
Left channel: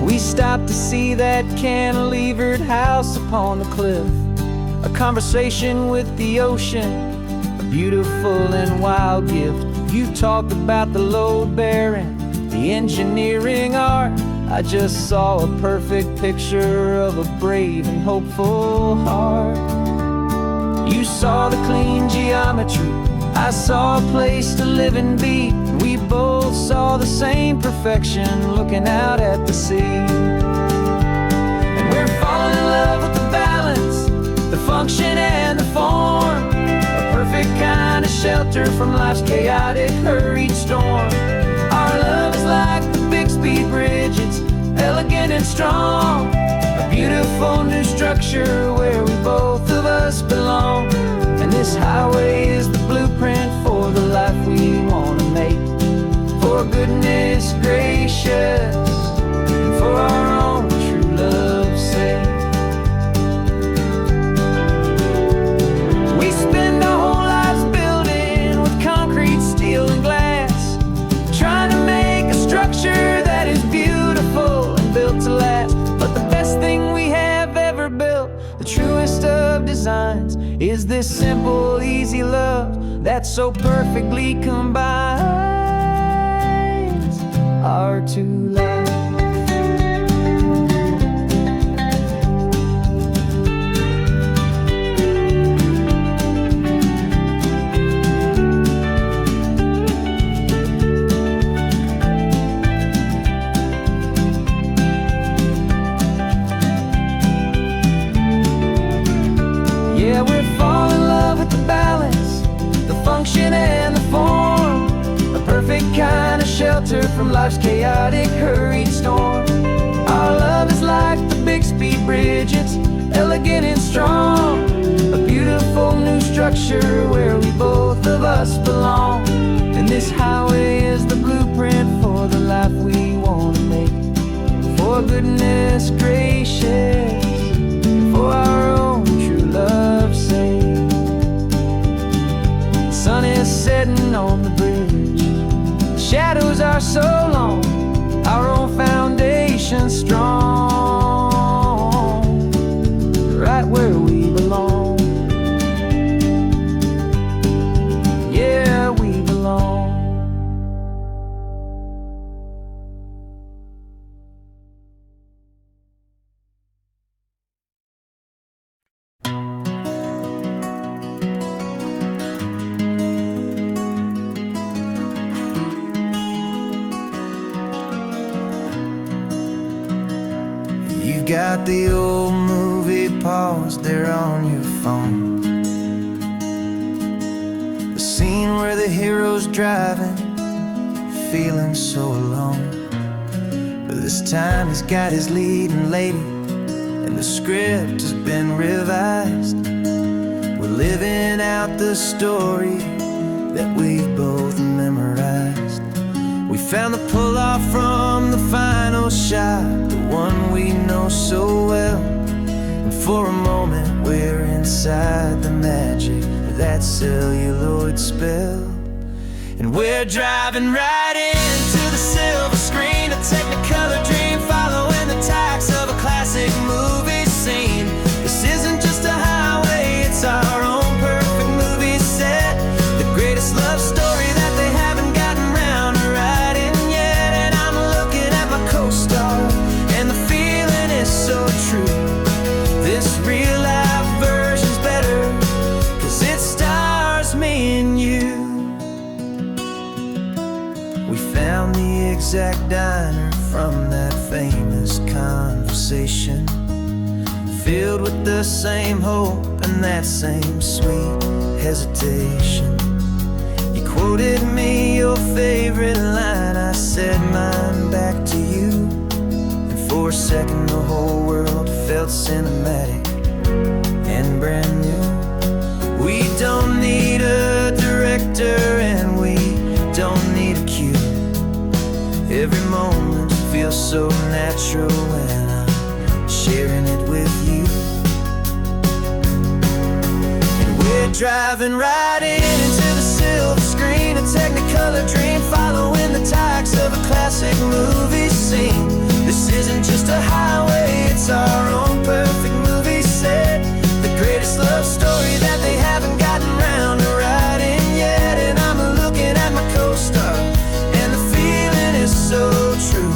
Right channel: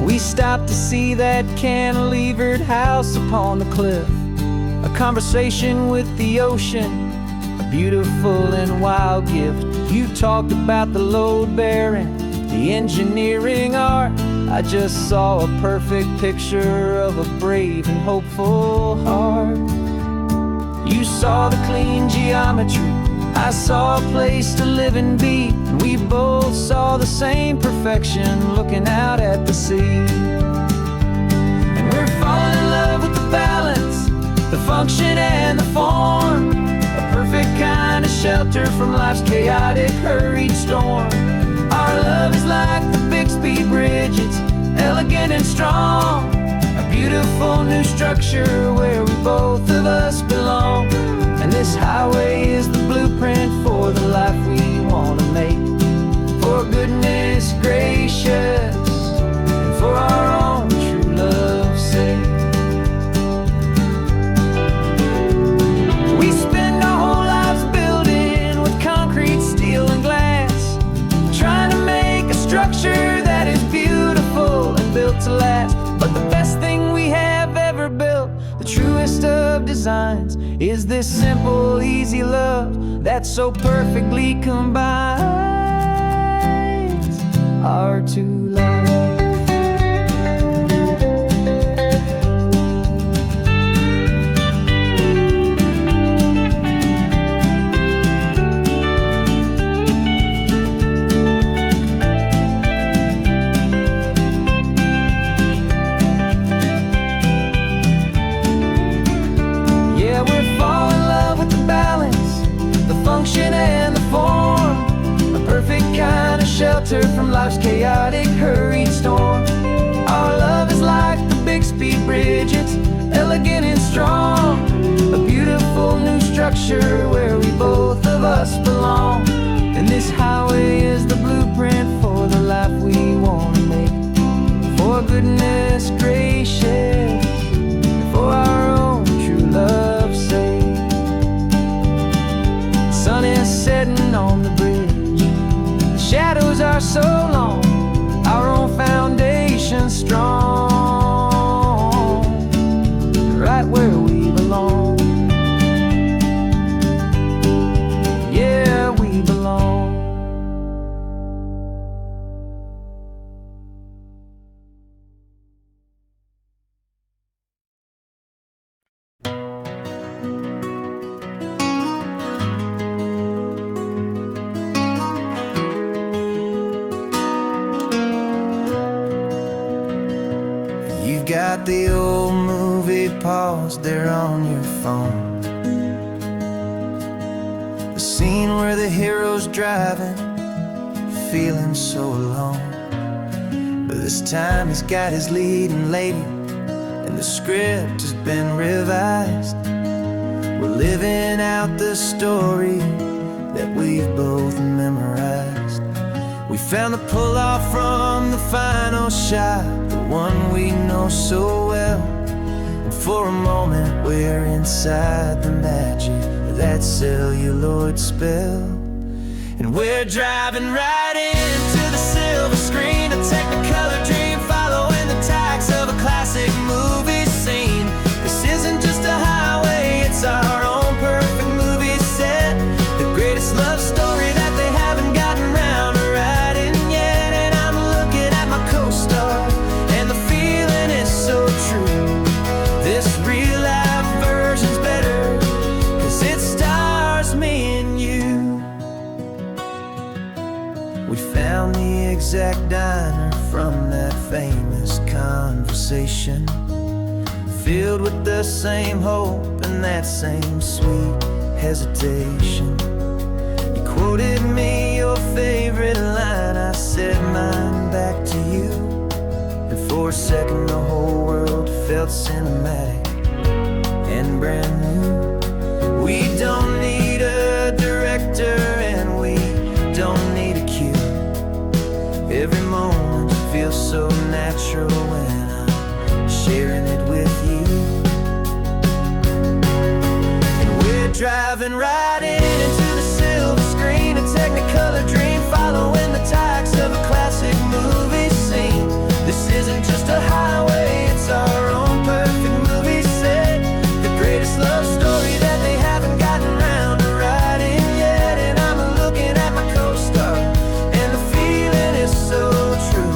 We stopped to see that cantilevered house upon the cliff, a conversation with the ocean, a beautiful and wild gift. You talked about the load bearing, the engineering art. I just saw a perfect picture of a brave and hopeful heart. You saw the clean geometry, I saw a place to live and be, and we both saw the same perfection looking out at the sea. And we're falling in love with the balance, the function and the form, a perfect kind of shelter from life's chaotic, hurried storm. Our love is like the Bixby Bridge, it's elegant and strong, a beautiful new structure where we both of us belong. And this highway is the blueprint for the life we want to make. For goodness gracious, and for our own true love's sake. We spend our whole lives building with concrete, steel, and glass, trying to make a structure that is beautiful and built to last. But the best thing we have ever built, the truest of designs, is this simple, easy love that so perfectly combines our two lives. Yeah, we're falling in love with the balance, the function and the form, a perfect kind of shelter from life's chaotic, hurried storm. Our love is like the Bixby Bridge, it's elegant and strong, a beautiful new structure where we both of us belong. And this highway is the blueprint for the life we want to make. For goodness gracious, and for our own true love's sake. The sun is setting on the bridge, the shadows are so long, our own foundation strong, right where we belong. got the old movie paused there on your phone. The scene where the hero's driving, feeling so alone. But this time he's got his leading lady, and the script has been revised. We're living out the story that we've both memorized. We found the pull-off from the final shot, the one we know so well. And for a moment we're inside the magic of that celluloid spell. And we're driving right into the silver screen, a technicolor dream following the tacks of a classic movie scene. This isn't just a highway, it's our own perfect movie set, the greatest love story that they haven't gotten round to writing yet. And I'm looking at my co-star, and the feeling is so true. This real life version's better, 'cause it stars me and you. We found the exact diner from that famous conversation, filled with the same hope and that same sweet hesitation. You quoted me your favorite line, I said mine back to you. And for a second the whole world felt cinematic and brand new. We don't need a director and we don't need a cue. Every moment feels so natural when I'm sharing it with you. And we're driving right into the silver screen, a technicolor dream following the tacks of a classic movie scene. This isn't just a highway, it's our own perfect movie set, the greatest love story that they haven't gotten round to writing yet. And I'm looking at my co-star, and the feeling is so true.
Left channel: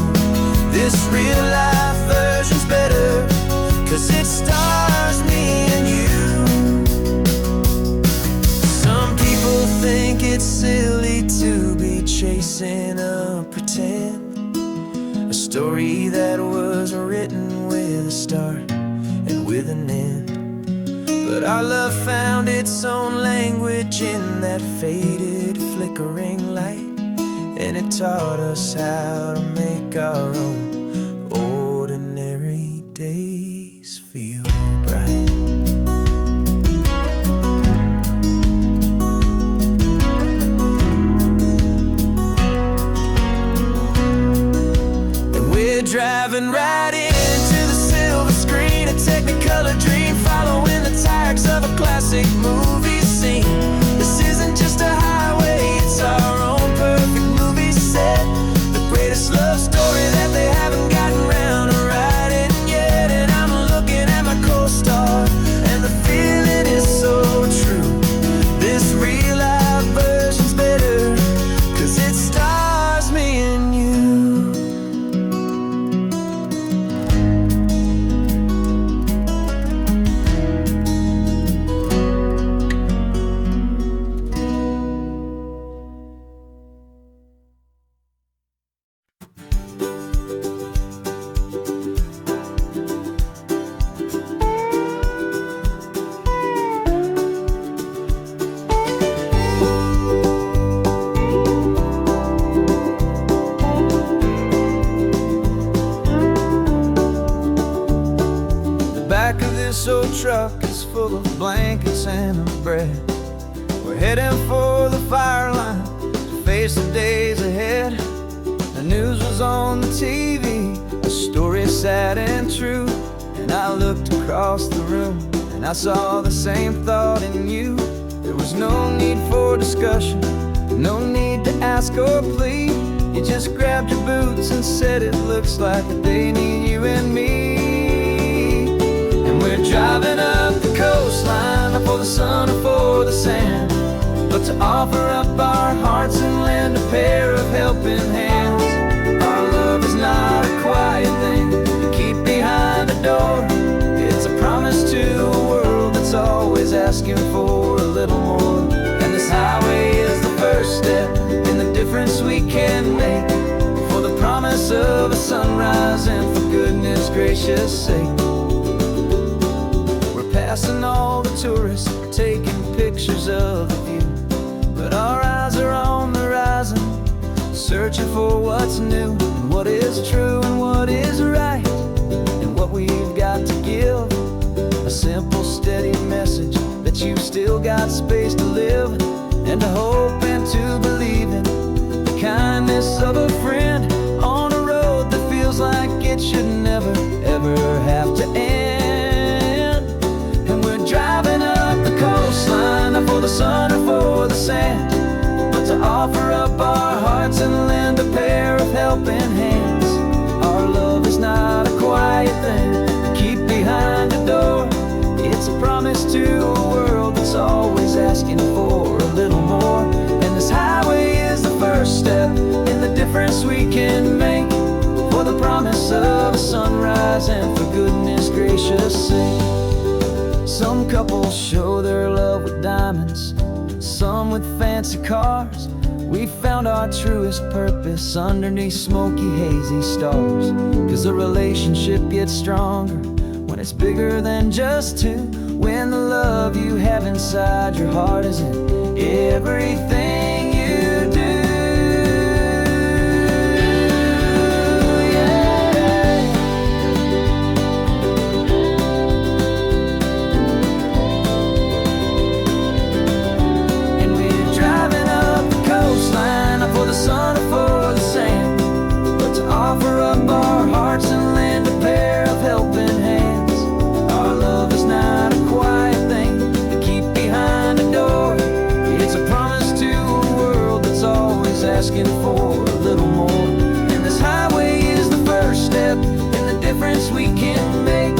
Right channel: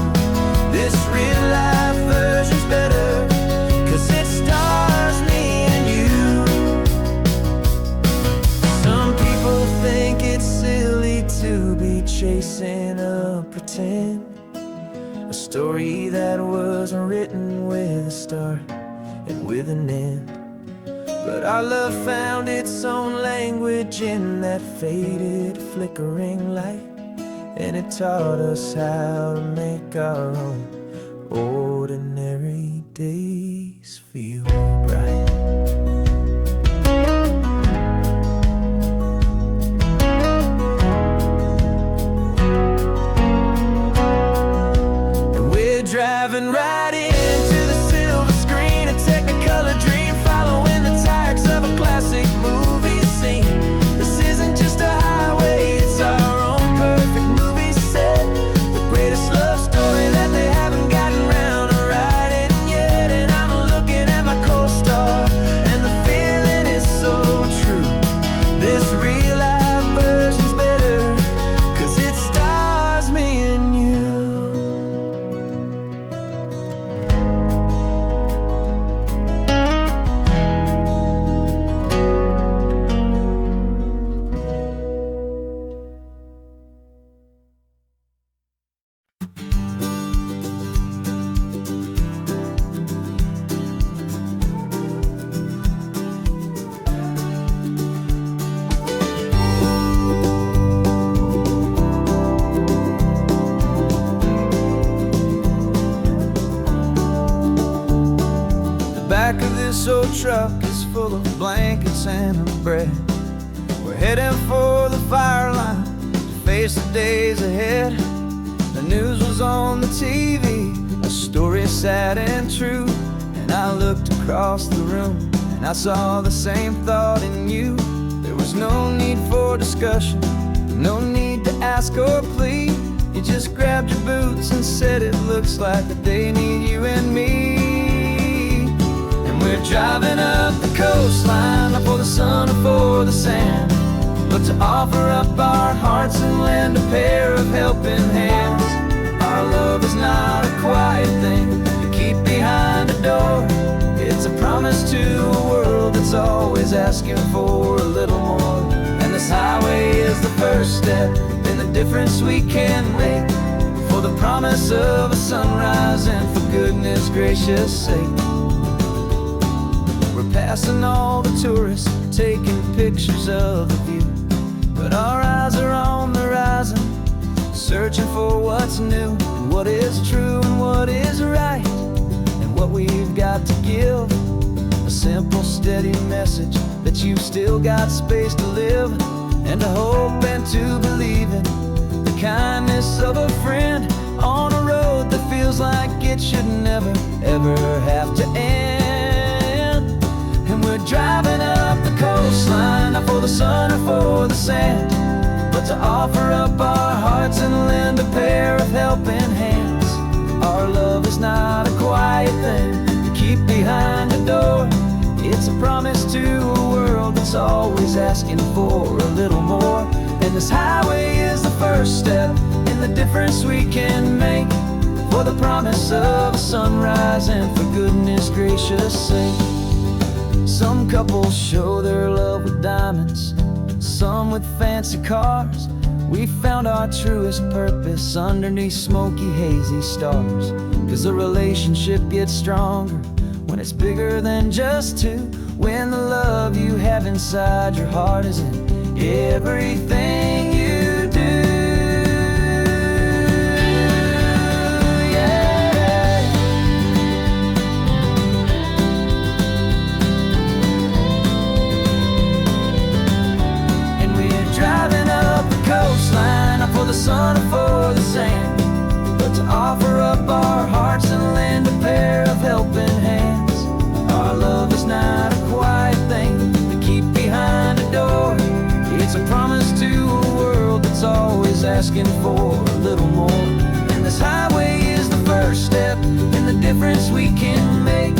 This real life version's better, 'cause it stars me and you. Some people think it's silly to be chasing a pretend, a story that was written with a start and with an end. But our love found its own language in that faded, flickering light, and it taught us how to make our own ordinary days feel bright. And we're driving right into the silver screen, a technicolor dream following the tacks of a classic movie scene. This isn't just a highway, it's our own perfect movie set, the greatest love story that they haven't gotten round to writing yet. And I'm looking at my co-star, and the feeling is so true. This real life version's better, 'cause it stars me and you. Back of this old truck is full of blankets and of bread. We're heading for the fire line to face the days ahead. The news was on the TV, a story sad and true. And I looked across the room and I saw the same thought in you. There was no need for discussion, no need to ask or plead. You just grabbed your boots and said it looks like a day need you and me. We're driving up the coastline, not for the sun or for the sand, but to offer up our hearts and lend a pair of helping hands. Our love is not a quiet thing you keep behind a door. It's a promise to a world that's always asking for a little more. And this highway is the first step in the difference we can make, for the the promise of a sunrise, and for goodness gracious sake, we're passing all the tourists, taking pictures of the view, but our eyes are on the horizon, searching for what's new, and what is true, and what is right, and what we've got to give. A simple, steady message that you've still got space to live, and to hope and to believe in the kindness of a friend on a road that feels like it should never, ever have to end. And we're driving up the coastline, not for the sun or for the sand, but to offer up our hearts and lend a pair of helping hands. Our love is not a quiet thing to keep behind a door. It's a promise to a world that's always asking for a little more. And this highway is the first step in the difference we can make, for the promise of a sunrise, and for goodness gracious sake. Some couples show their love with diamonds, some with fancy cars. We found our truest purpose underneath smoky, hazy stars. 'Cause a relationship gets stronger when it's bigger than just two, when the love you have inside your heart is in everything you do. Yeah. And we're driving up the coastline, not for the sun or for the sand, but to offer up our hearts and lend a pair of helping hands. Our love is not a quiet thing to keep behind a door. It's a promise to a world that's always asking for a little more. And this highway is the first step in the difference we can make,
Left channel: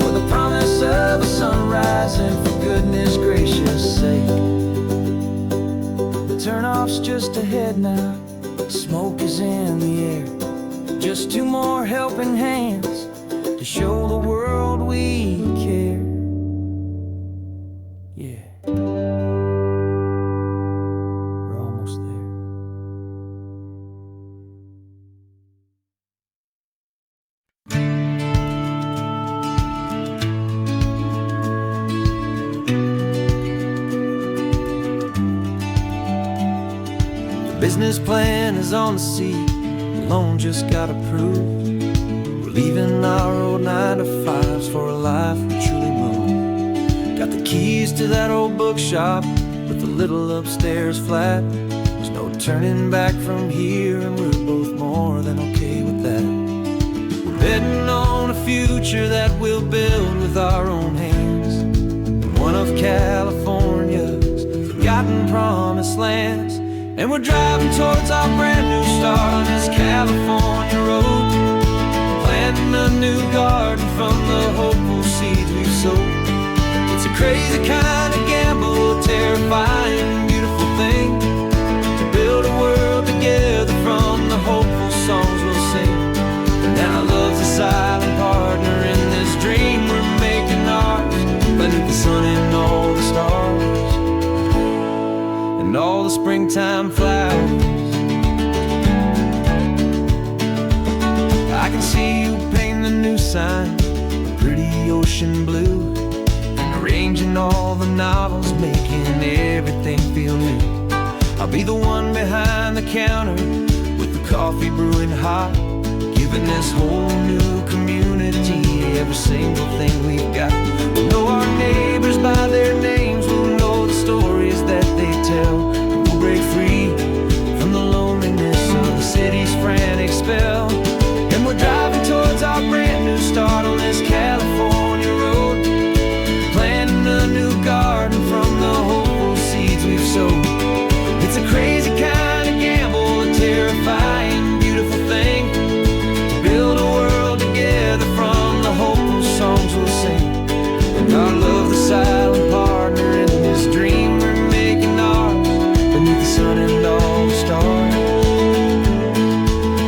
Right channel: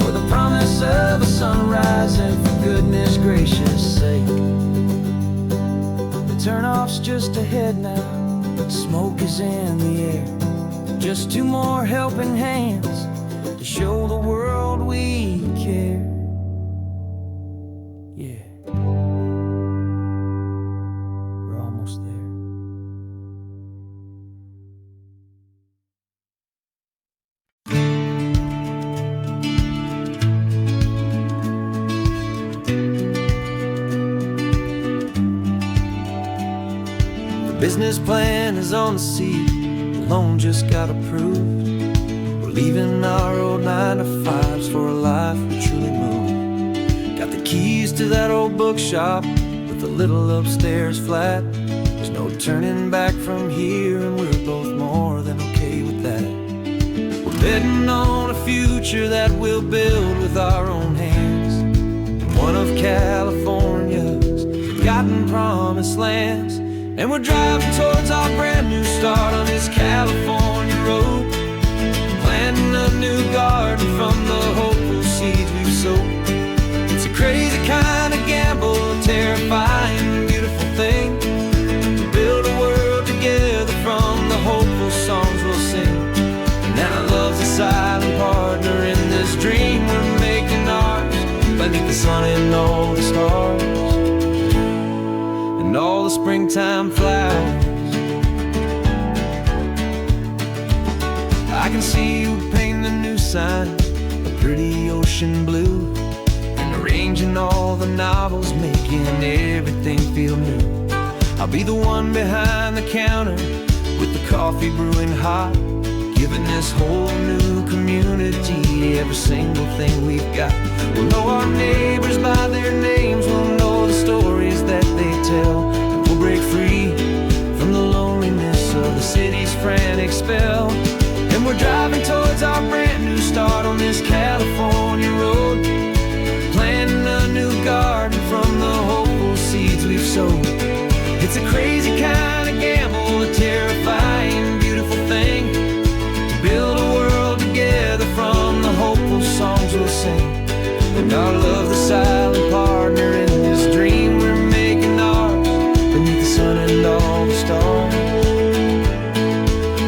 for the promise of a sunrise, and for goodness gracious sake. The turnoff's just ahead now, smoke is in the air. Just two more helping hands to show the world we care. Yeah, we're almost there. The business plan is on the seat, the loan just got approved. We're leaving our old 9-to-5s for a life we truly move. Got the keys to that old bookshop with the little upstairs flat. There's no turning back from here, and we're both more than okay with that. We're betting on a future that we'll build with our own hands, in one of California's forgotten promised lands. And we're driving towards our brand new start on this California road, planting a new garden from the hopeful seeds we've sowed. It's a crazy kind of gamble, a terrifying, beautiful thing, to build a world together from the hopeful songs we'll sing. And now love's a silent partner in this dream we're making ours, beneath the sun and all the stars, and all the springtime flowers. I can see you painting the new sign a pretty ocean blue, and arranging all the novels, making everything feel new. I'll be the one behind the counter with the coffee brewing hot, giving this whole new community every single thing we've got. We'll know our neighbors by their names, we'll know the stories that they tell, and we'll break free from the loneliness of the city's frantic spell. And we're driving towards our brand new start on this California road, planting a new garden from the hopeful seeds we've sowed. It's a crazy kind of gamble, a terrifying, beautiful thing, to build a world together from the hopeful songs we'll sing. And our love's the silent partner in this dream we're making ours, beneath the sun and all the stars,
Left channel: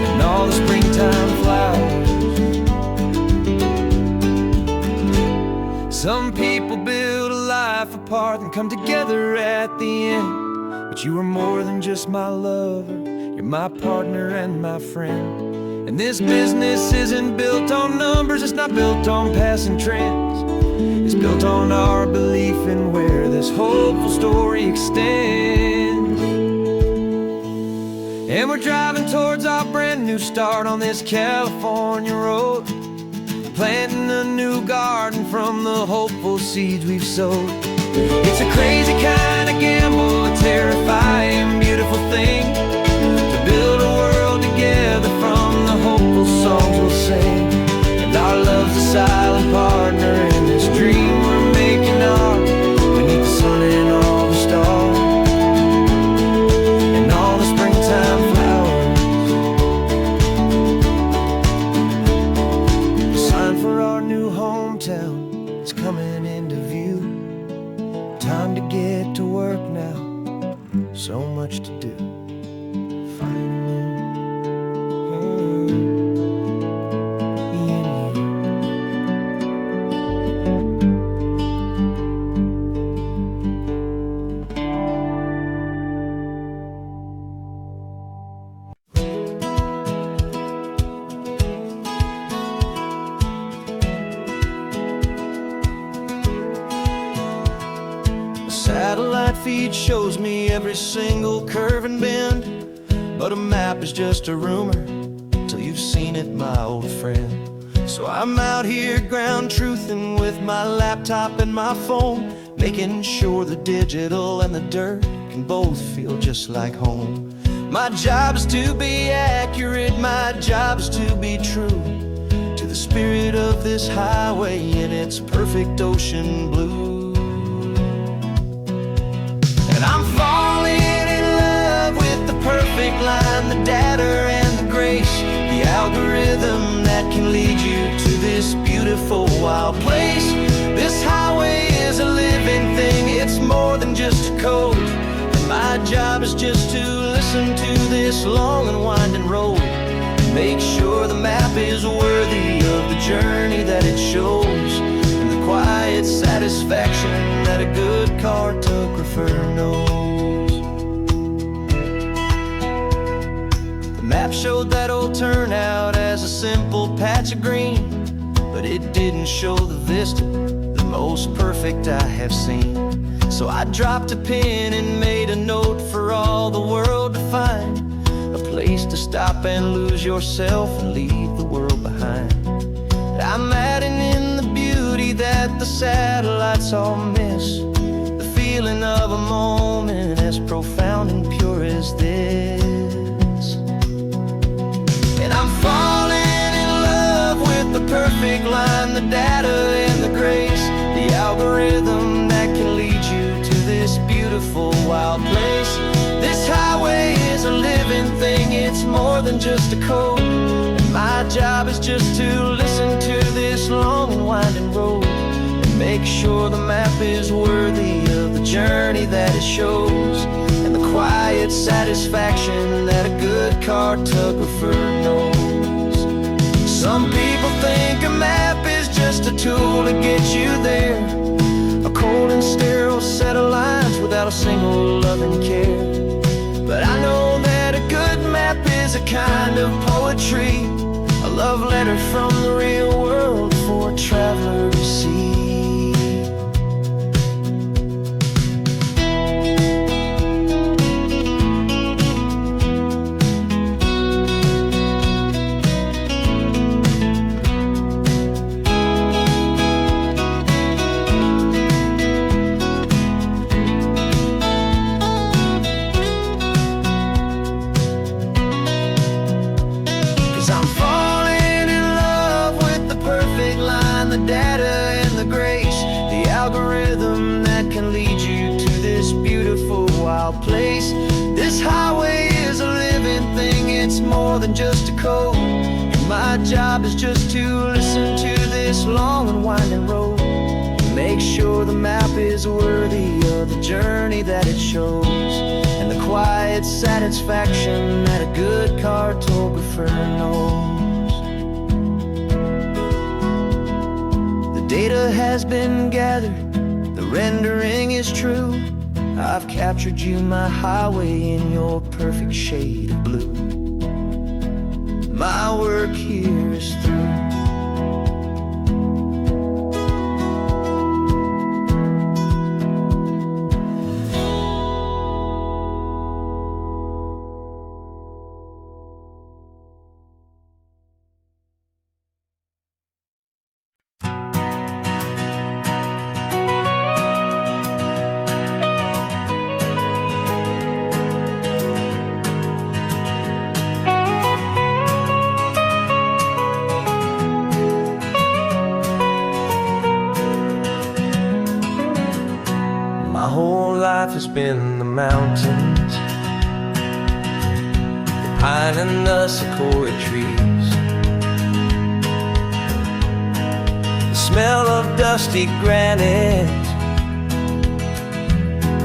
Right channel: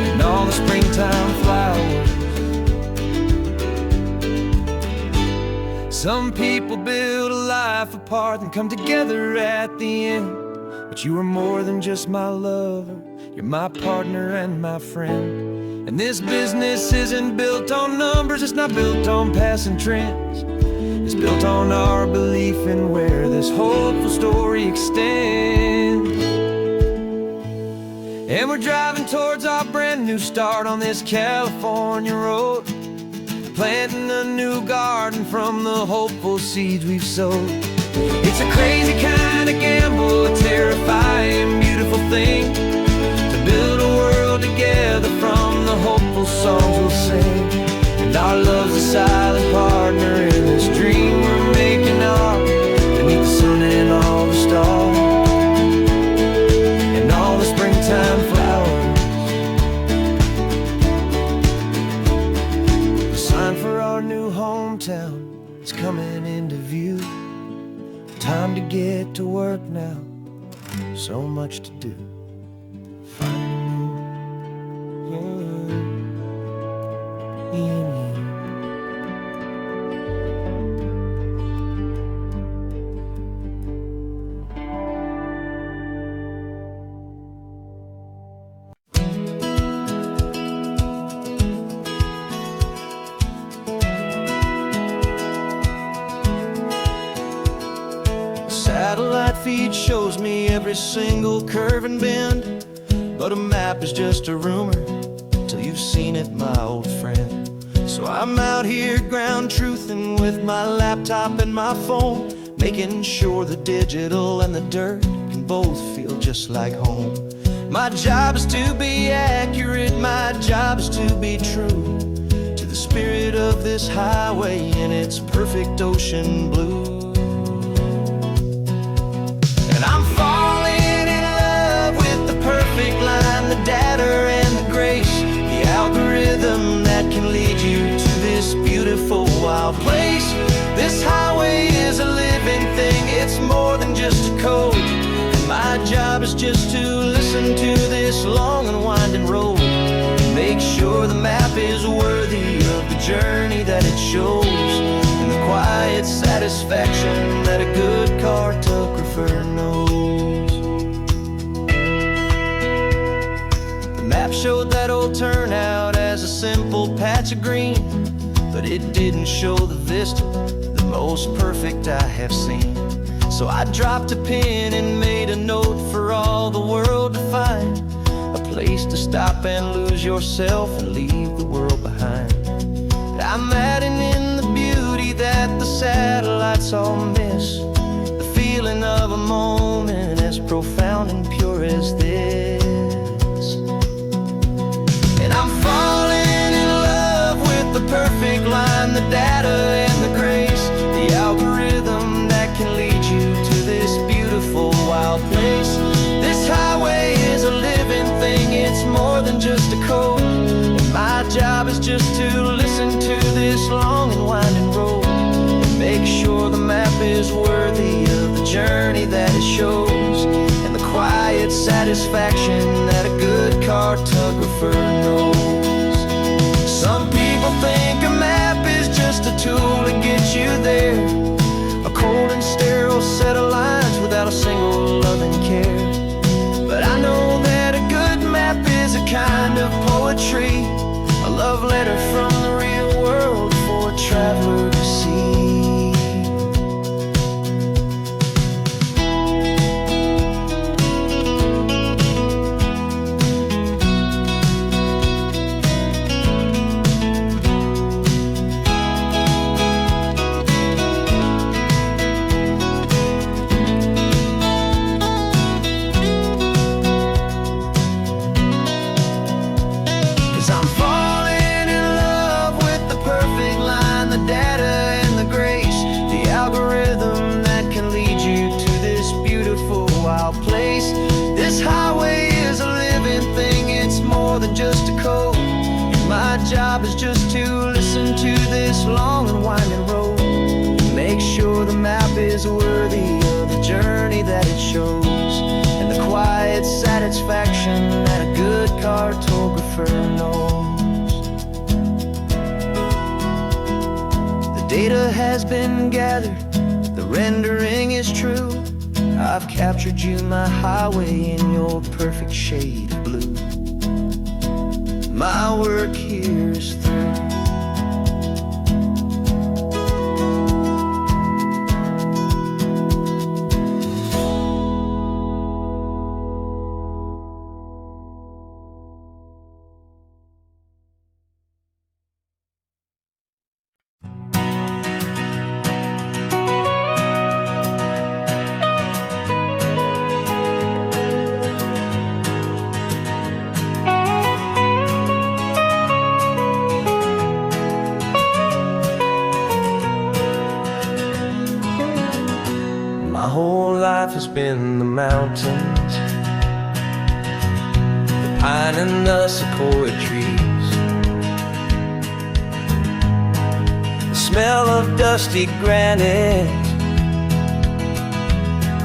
and all the springtime flowers. Some people build a life apart and come together at the end. but you are more than just my lover. You're my partner and my friend. And this business isn't built on numbers, it's not built on passing trends. It's built on our belief in where this hopeful story extends. And we're driving towards our brand new start on this California road, planting a new garden from the hopeful seeds we've sowed. It's a crazy kind of gamble, a terrifying, beautiful thing, to build a world together from the hopeful songs we'll sing. And our love's a silent partner in this dream we're making ours, beneath the sun and all the stars, and all the springtime flowers. The sign for our new hometown is coming into view. Time to get to work now, so much to do. Finding you in you. Satellite feed shows me every single curve and bend, but a map is just a rumor till you've seen it, my old friend. So I'm out here ground truthing with my laptop and my phone, making sure the digital and the dirt can both feel just like home. My job is to be accurate, my job is to be true to the spirit of this highway in its perfect ocean blue. I'm falling in love with the perfect line, the data and the grace, the algorithm that can lead you to this beautiful wild place. This highway is a living thing, it's more than just a code. And my job is just to listen to this long and winding road, and make sure the map is worthy of the journey that it shows, and the quiet satisfaction that a good cartographer knows. The map showed that old turnout as a simple patch of green, but it didn't show the vista, the most perfect I have seen. So I dropped a pin and made a note for all the world to find, a place to stop and lose yourself and leave the world behind. I'm adding in the beauty that the satellites all miss, the feeling of a moment as profound and pure as this. And I'm falling in love with the perfect line, the data and the grace, the algorithm that can lead you to this beautiful wild place. This highway is a living thing, it's more than just a code. My job is just to listen to this long and winding road, and make sure the map is worthy of the journey that it shows, and the quiet satisfaction that a good cartographer knows. Some people think a map is just a tool to get you there, a cold and sterile set of lines without a single loving care. But I know that a good map is a kind of poetry, a love letter from the real world for a traveler to see. 'Cause I'm falling in love with the perfect line, the data and the grace, the algorithm that can lead you to this beautiful wild place. This highway is a living thing, it's more than just a code. And my job is just to listen to this long and winding road, and make sure the map is worthy of the journey that it shows, and the quiet satisfaction that a good cartographer knows. The data has been gathered, the rendering is true, I've captured you, my highway, in your perfect shade of blue. My work here is through. My whole life has been the mountains, the pine and the sequoia trees, the smell of dusty granite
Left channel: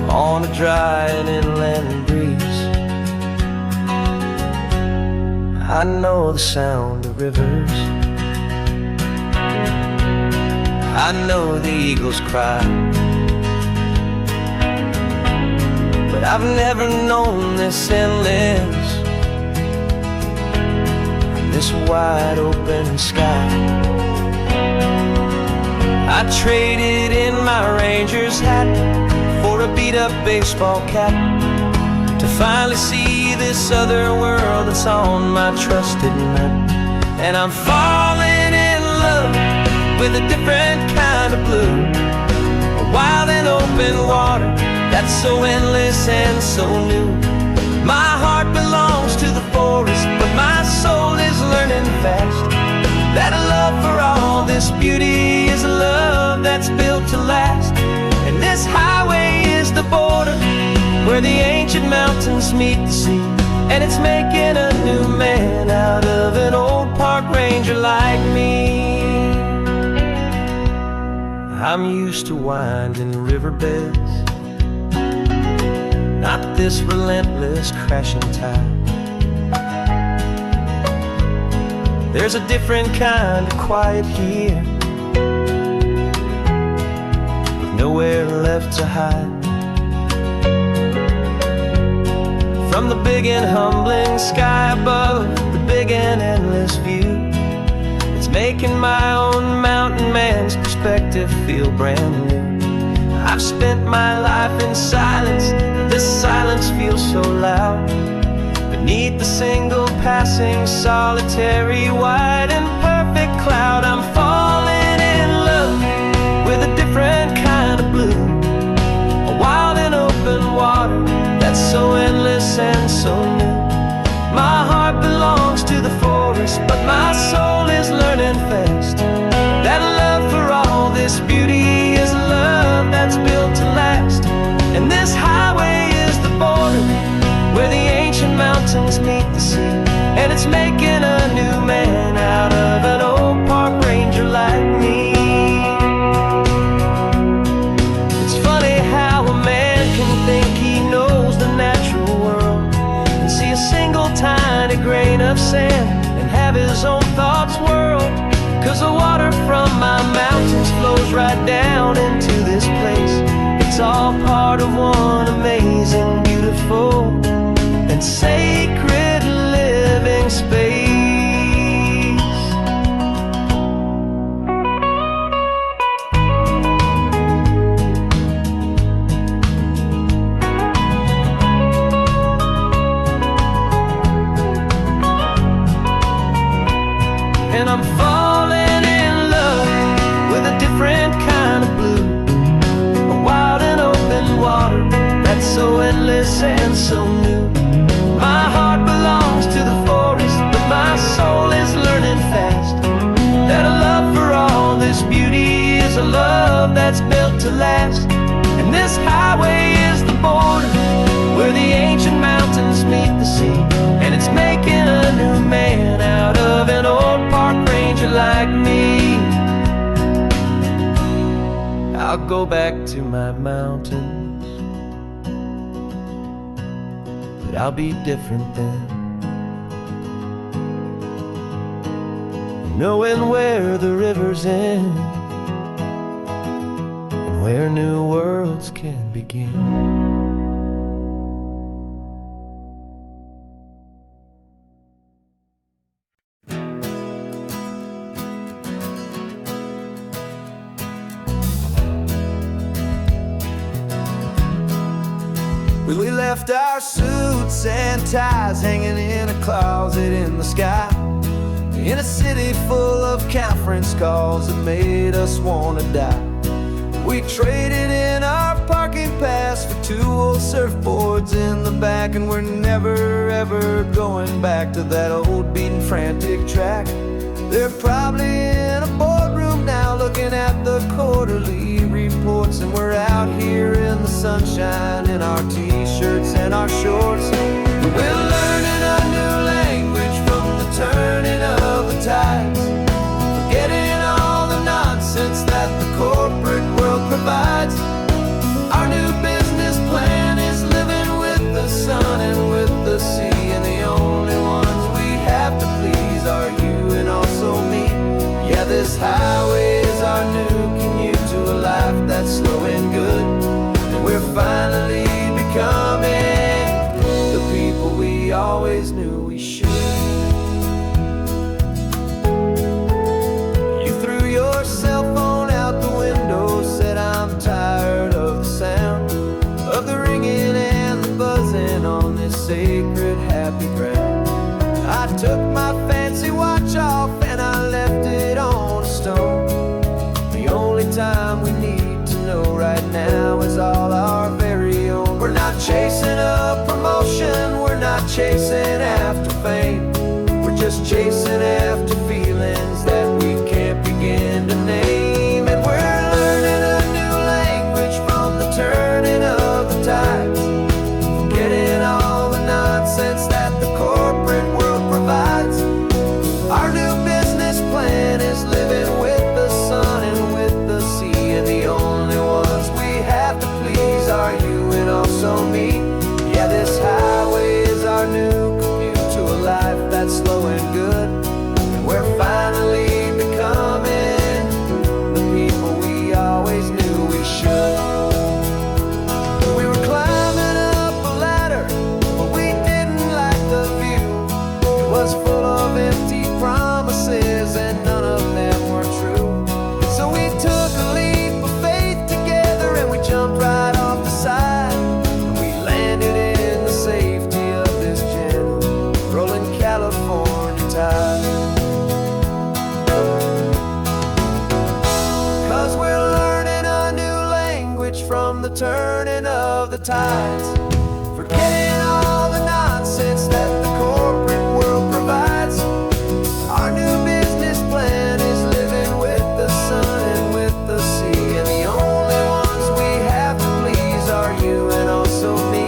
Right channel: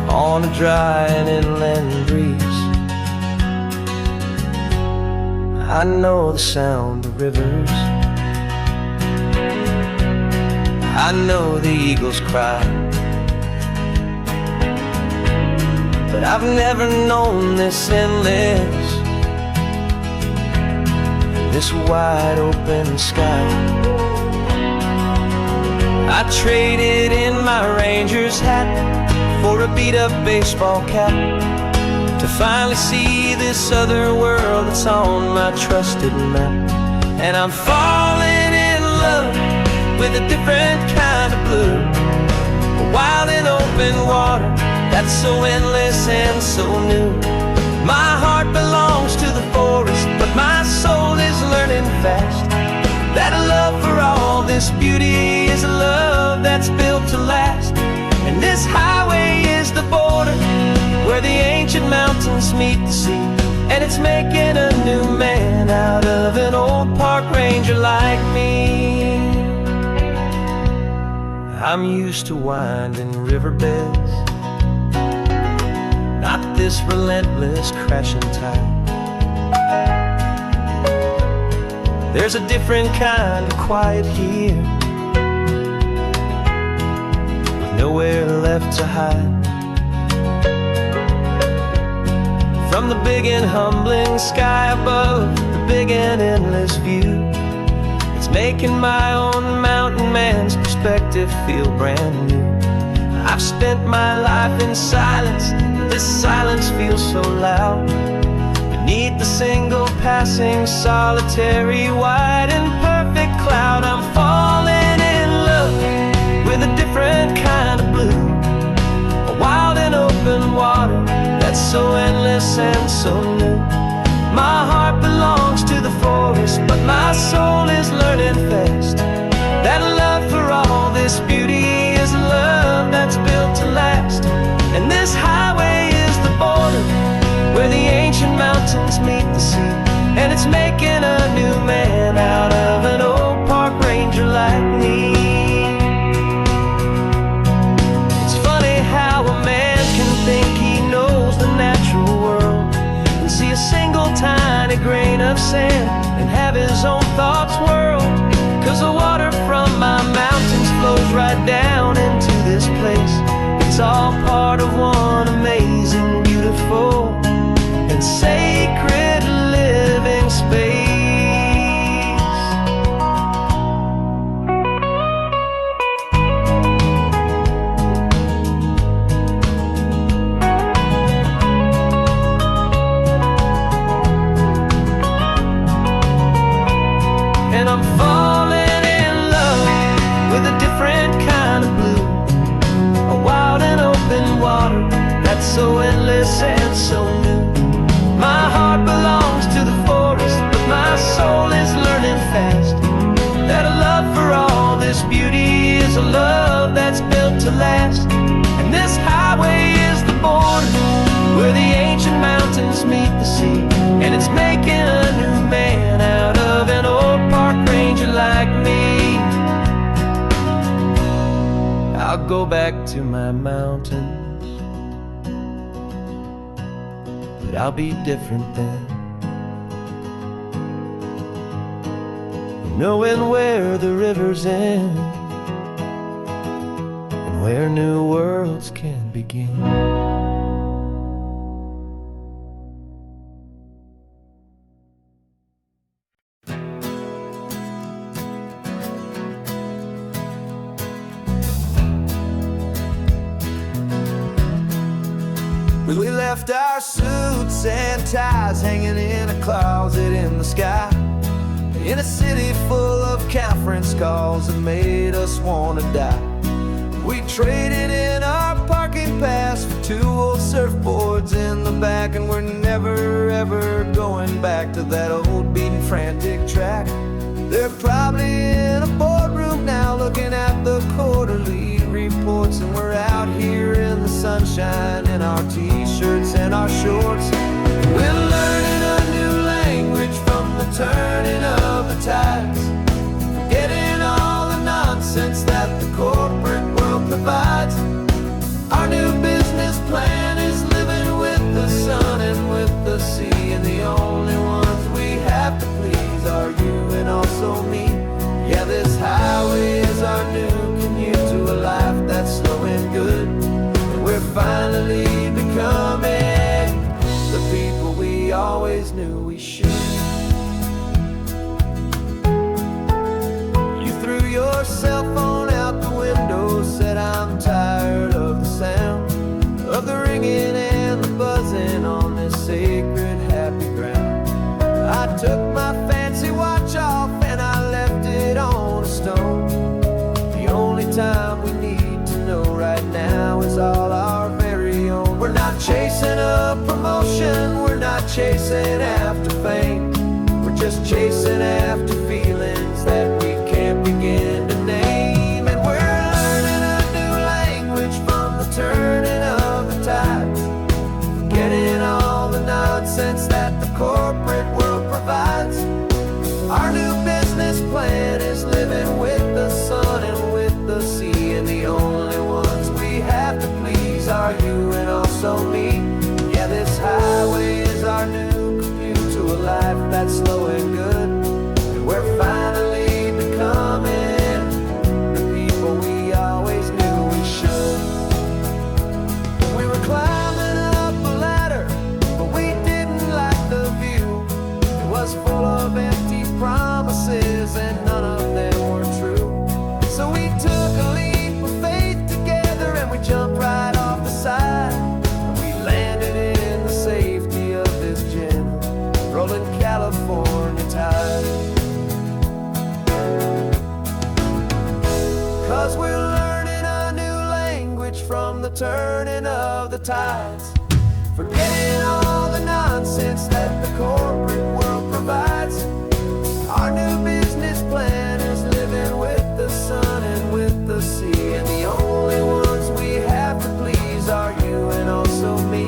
on a dry and inland breeze. I know the sound of rivers, I know the eagles cry, but I've never known this endless and this wide open sky. I traded in my ranger's hat for a beat-up baseball cap to finally see this other world that's on my trusted map. And I'm falling in love with a different kind of blue, a wild and open water that's so endless and so new. My heart belongs to the forest, but my soul is learning fast that a love for all this beauty is a love that's built to last. And this highway is the border where the ancient mountains meet the sea, and it's making a new man out of an old park ranger like me. I'm used to winding riverbeds, not this relentless crashing tide. There's a different kind of quiet here, with nowhere left to hide. From the big and humbling sky above, the big and endless view, it's making my own mountain man's perspective feel brand new. I've spent my life in silence, but this silence feels so loud. Beneath the single passing solitary white and perfect cloud, I'm falling in love with a different kind of blue, a wild and open water that's so endless and so new. My heart belongs to the forest, but my soul is learning fast that love for all this beauty is a love that's built to last. And this highway is the border where the ancient mountains meet the sea, and it's making a new man out of an old park ranger like me. It's funny how a man can think he knows the natural world and see a single tiny grain of sand and have his own thoughts whirl. 'Cause the water from my mountains flows right down into this place. It's all part of one amazing, beautiful, and sacred living space. And I'm falling in love with a different kind of blue, a wild and open water that's so endless and so new. My heart belongs to the forest, but my soul is learning fast that a love for all this beauty is a love that's built to last. And this highway is the border where the ancient mountains meet the sea, and it's making a new man out of an old park ranger like me. I'll go back to my mountains, but I'll be different then, knowing where the rivers end and where new worlds worlds can begin. We left our suits and ties hanging in a closet in the sky, in a city full of conference calls that made us want to die. We traded in our parking pass for 2 old surfboards in the back, and we're never ever going back to that old beaten frantic track. They're probably in a boardroom now looking at the quarterly reports, and we're out here in the sunshine in our t-shirts and our shorts. We're learning a new language from the turning of the tides, forgetting all the nonsense that the corporate world provides. Our new business plan is living with the sun and with the sea, and the only ones we have to please are you and also me. Yeah, this highway is our new commute to a life that's slow and good, and we're finally becoming the people we always knew we should. You threw your cell phone out the window, said I'm tired of the sound of the ringing and the buzzing on this sacred happy ground. I took my fancy watch off and I left it on a stone. The only time we need to know right now is all our very own. We're not chasing a promotion, we're not chasing after fame, we're just chasing after feelings that we can't begin to name. And we're learning a new language from the turning of the tides, forgetting all the nonsense that the corporate world provides. Our new business plan is living with the sun and with the sea, and the only ones we have to please are you and also me. Yeah, this highway is our new commute to a life that's slow and good, and we're finally becoming the people we always knew we should. We were climbing up a ladder, but we didn't like the view. It was full of empty promises and none of them were true. So we took a leap of faith together and we jumped right off the side, and we landed in the safety of this gentle rolling California tide. 'Cause we're learning a new language from the turning of the tides, forgetting all the nonsense that the corporate world provides. Our new business plan is living with the sun and with the sea, and the only ones we have to please are you and also me.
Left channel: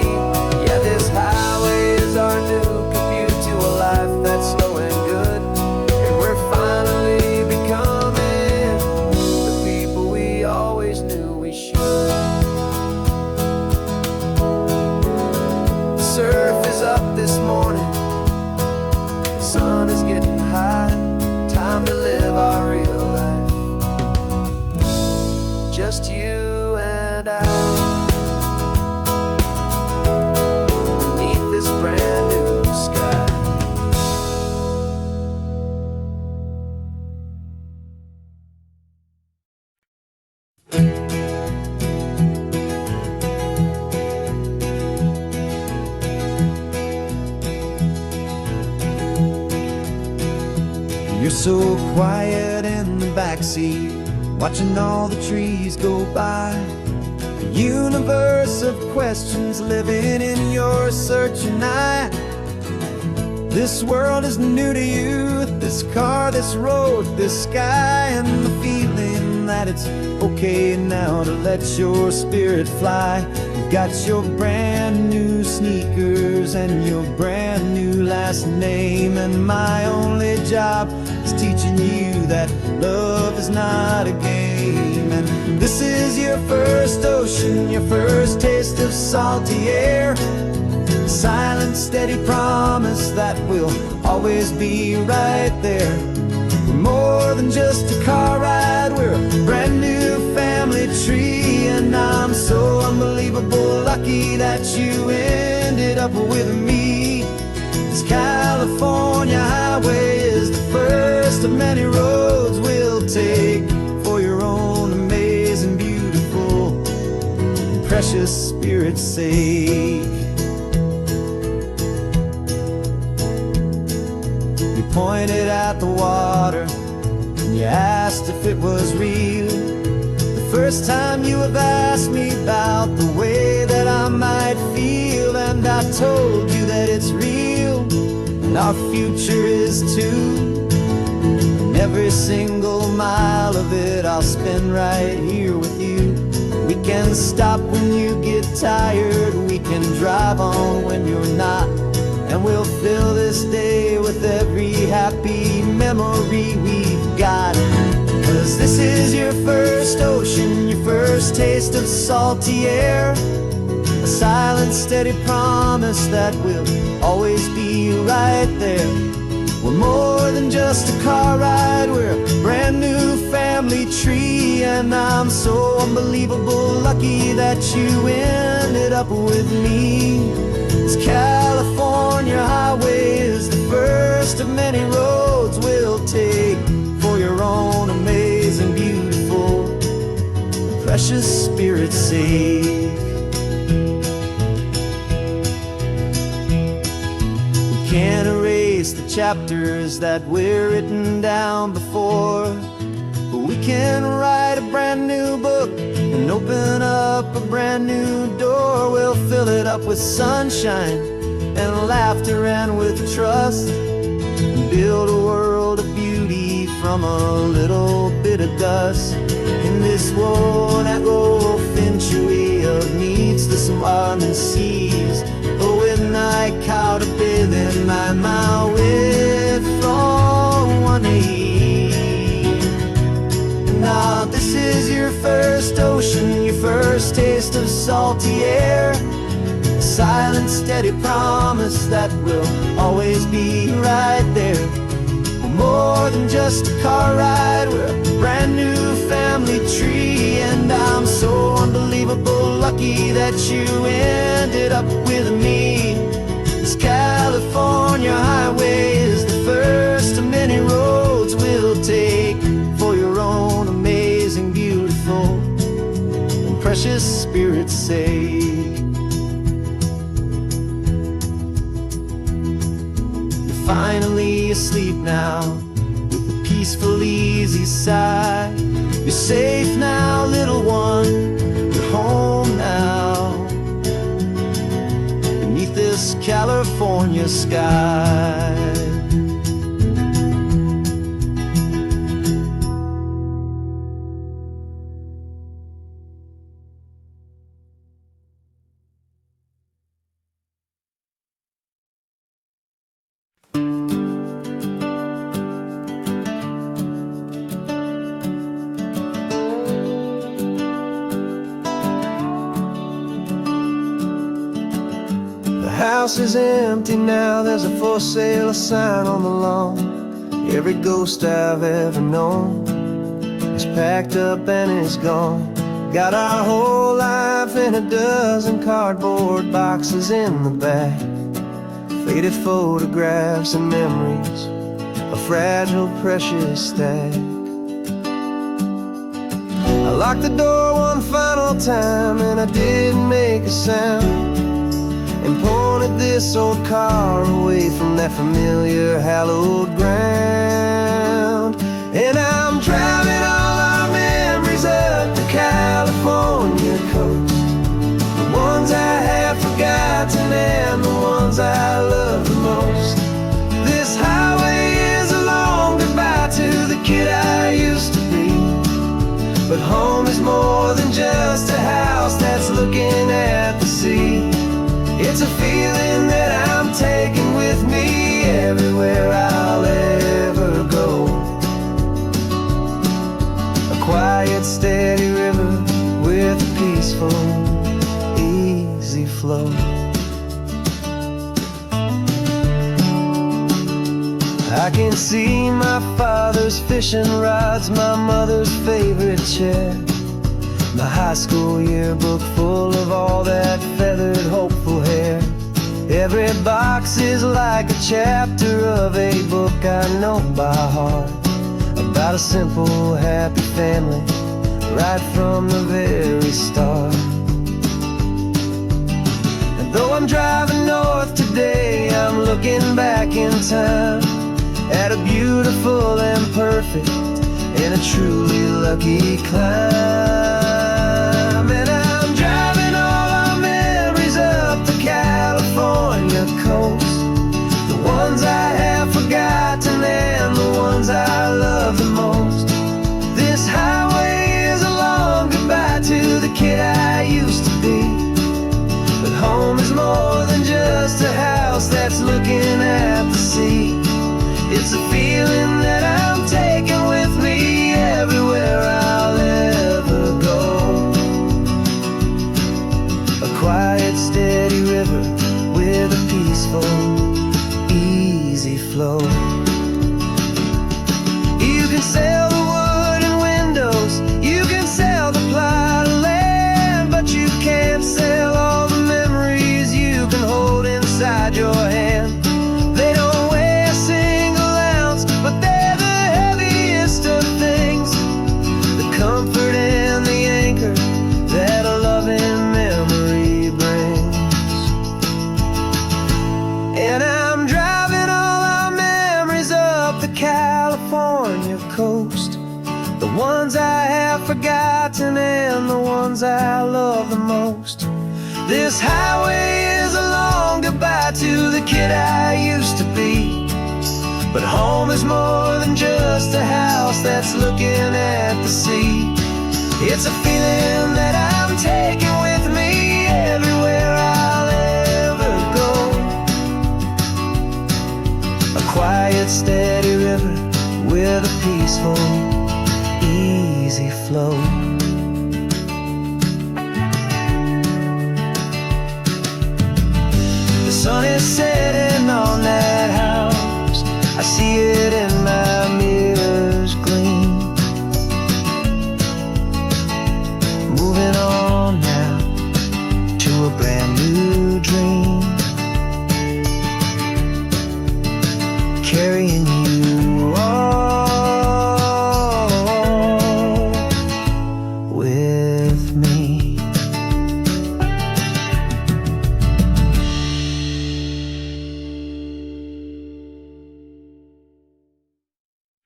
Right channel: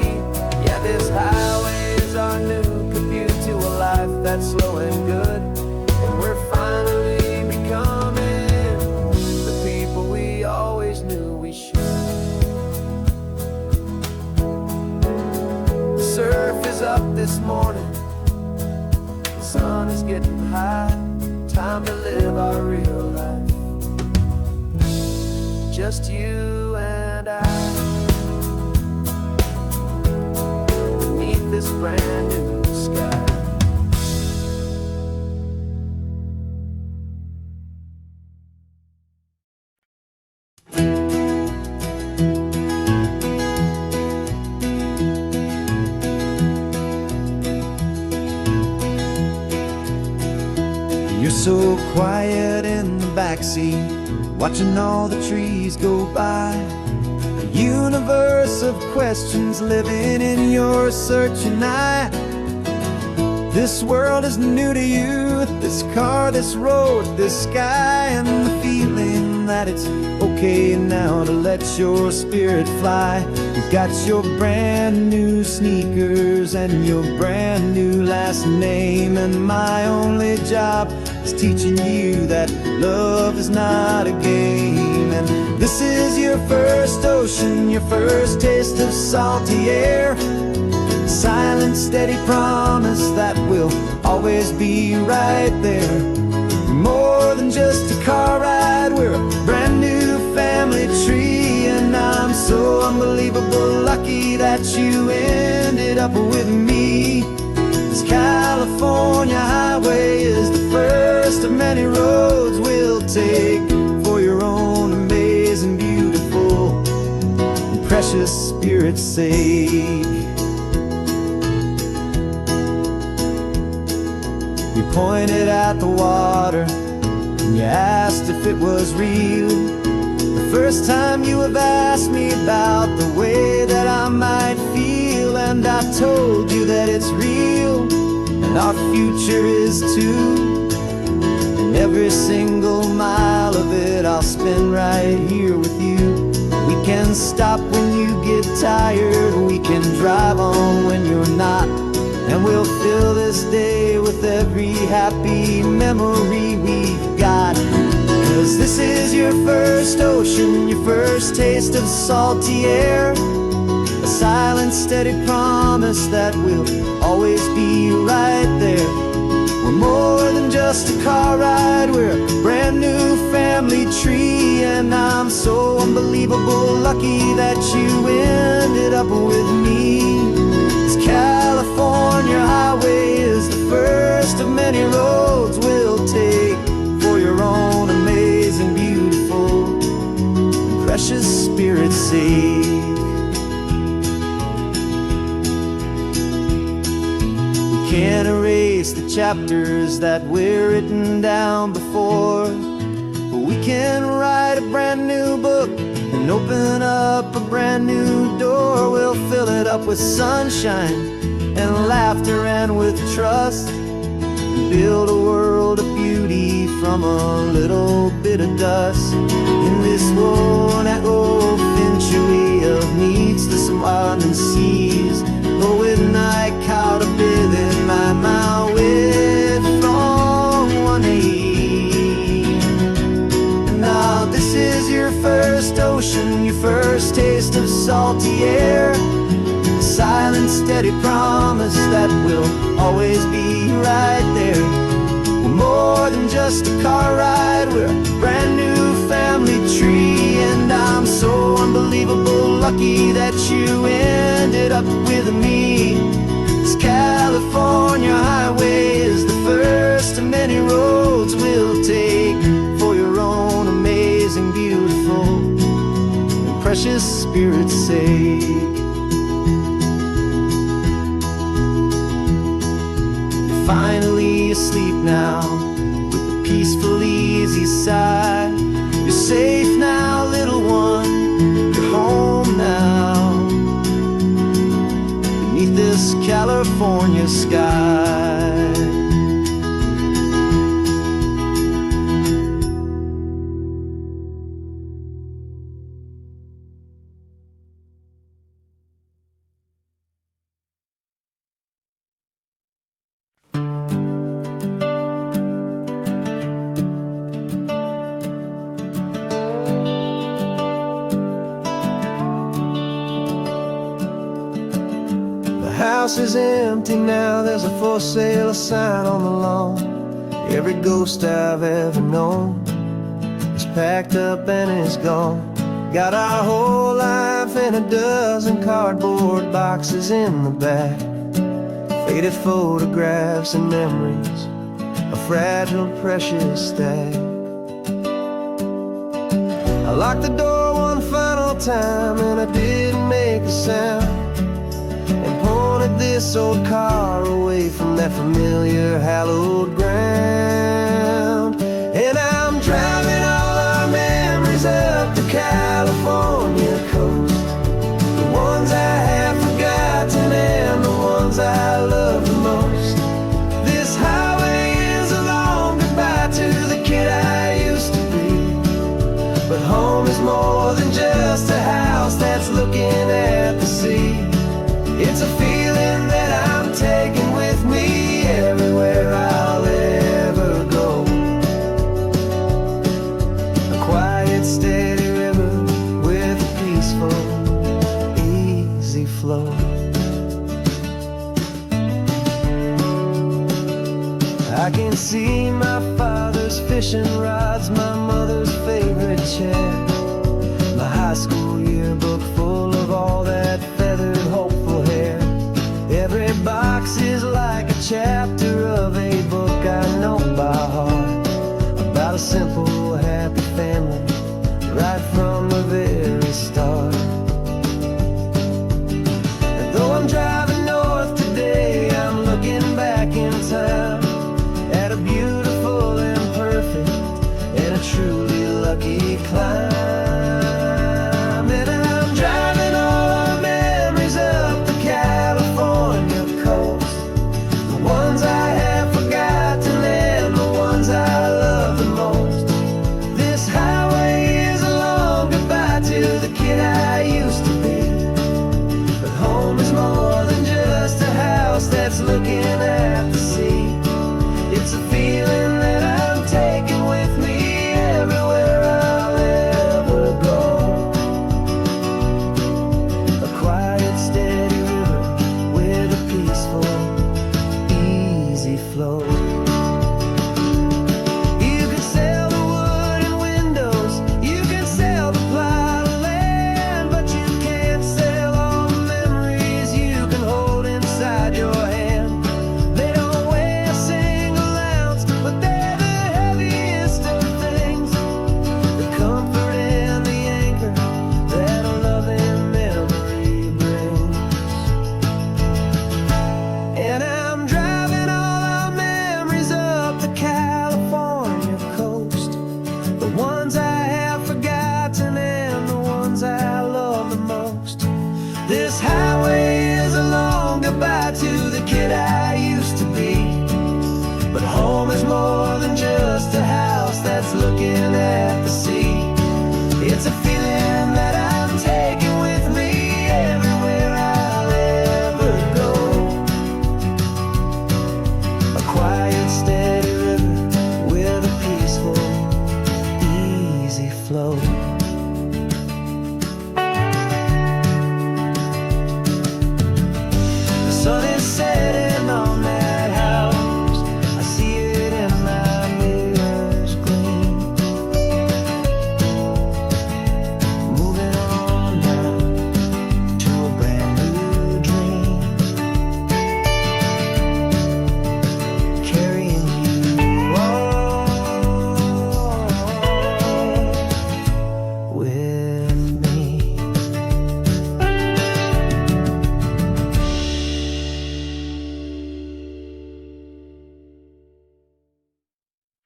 Yeah, this highway is our new commute to a life that's slow and good, and we're finally becoming the people we always knew we should. The surf is up this morning, the sun is getting high, time to live our real life, just you and I, beneath this brand new sky. You're so quiet in the backseat, watching all the trees go by. A universe of questions living in your searching eye. This world is new to you, this car, this road, this sky, and the feeling that it's okay now to let your spirit fly. You've got your brand new sneakers and your brand new last name, and my only job is teaching you that love is not a game. And this is your first ocean, your first taste of salty air, silent, steady promise that we'll always be right there. We're more than just a car ride, we're a brand new family family tree. And I'm so unbelievable lucky that you ended up with me. This California highway is the first of many roads we'll take for your own amazing, beautiful, and precious spirit's sake. You pointed at the water and you asked if it was real. The first time you have asked me about the way that I might feel, and I told you that it's real and our future is too. And every single mile of it I'll spend right here with you. We can stop when you get tired, we can drive on when you're not, and we'll fill this day with every happy memory we've got. 'Cause this is your first ocean, your first taste of salty air, a silent, steady promise that we'll always be right there. We're more than just a car ride, we're a brand new family tree. And I'm so unbelievable lucky that you ended up with me. This California highway is the first of many roads we'll take for your own amazing, beautiful, and precious spirit's sake. We can't erase the chapters that were written down before, but we can write a brand new book and open up a brand new door. We'll fill it up with sunshine and laughter and with trust, and build a world of beauty from a little bit of dust. In this world century of needless and seas, with night caught a bit in my mouth with from one aim. And now this is your first ocean, your first taste of salty air, a silent, steady promise that we'll always be right there. We're more than just a car ride, we're a brand new family tree. And I'm so unbelievable lucky that you ended up with me. This California highway is the first of many roads we'll take for your own amazing, beautiful, and precious spirit's sake. Finally asleep now, with a peaceful, easy sigh. You're safe now, little one, you're home now, beneath this California sky. The house is empty now, there's a for sale sign on the lawn. Every ghost I've ever known is packed up and is gone. Got our whole life in a dozen cardboard boxes in the back, faded photographs and memories, a fragile, precious stack. I locked the door one final time and I didn't make a sound, and pointed this old car away from that familiar hallowed ground. And I'm driving all our memories up the California coast, the ones I have forgotten and the ones I love the most. This highway is a long goodbye to the kid I used to be, but home is more than just a house that's looking at the sea. It's a feeling that I'm taking with me everywhere I'll ever go. A quiet, steady river with a peaceful, easy flow. I can see my father's fishing rods, my mother's favorite chair, My high school yearbook full of all that feathered, hopeful hair. Every box is like a chapter of a book I know by heart, about a simple, happy family, right from the very start. And though I'm driving north today, I'm looking back in time at a beautiful and perfect and a truly lucky climb. And I'm driving all our memories up the California coast, the ones I have forgotten and the ones I love the most. This highway is a long goodbye to the kid I used to be, but home is more than just a house that's looking at the sea. It's a feeling that I'm taking with me everywhere I'll ever go. A quiet, steady river with a peaceful, easy flow. You can sail the wooden windows, you can sail the plot of land, but you can't sail all the memories you can hold inside your hand. They don't weigh a single ounce, but they're the heaviest of things, the comfort and the anchor that a loving memory brings. And I'm driving all our memories up the California coast, the ones I have forgotten and the ones I love the most. This highway is a long goodbye to the kid I used to be, but home is more than just a house that's looking at the sea. It's a feeling that I'm taking with me everywhere I'll ever go. A quiet, steady river with a peaceful, easy flow. The sun is setting on that house, I see it in my mirror.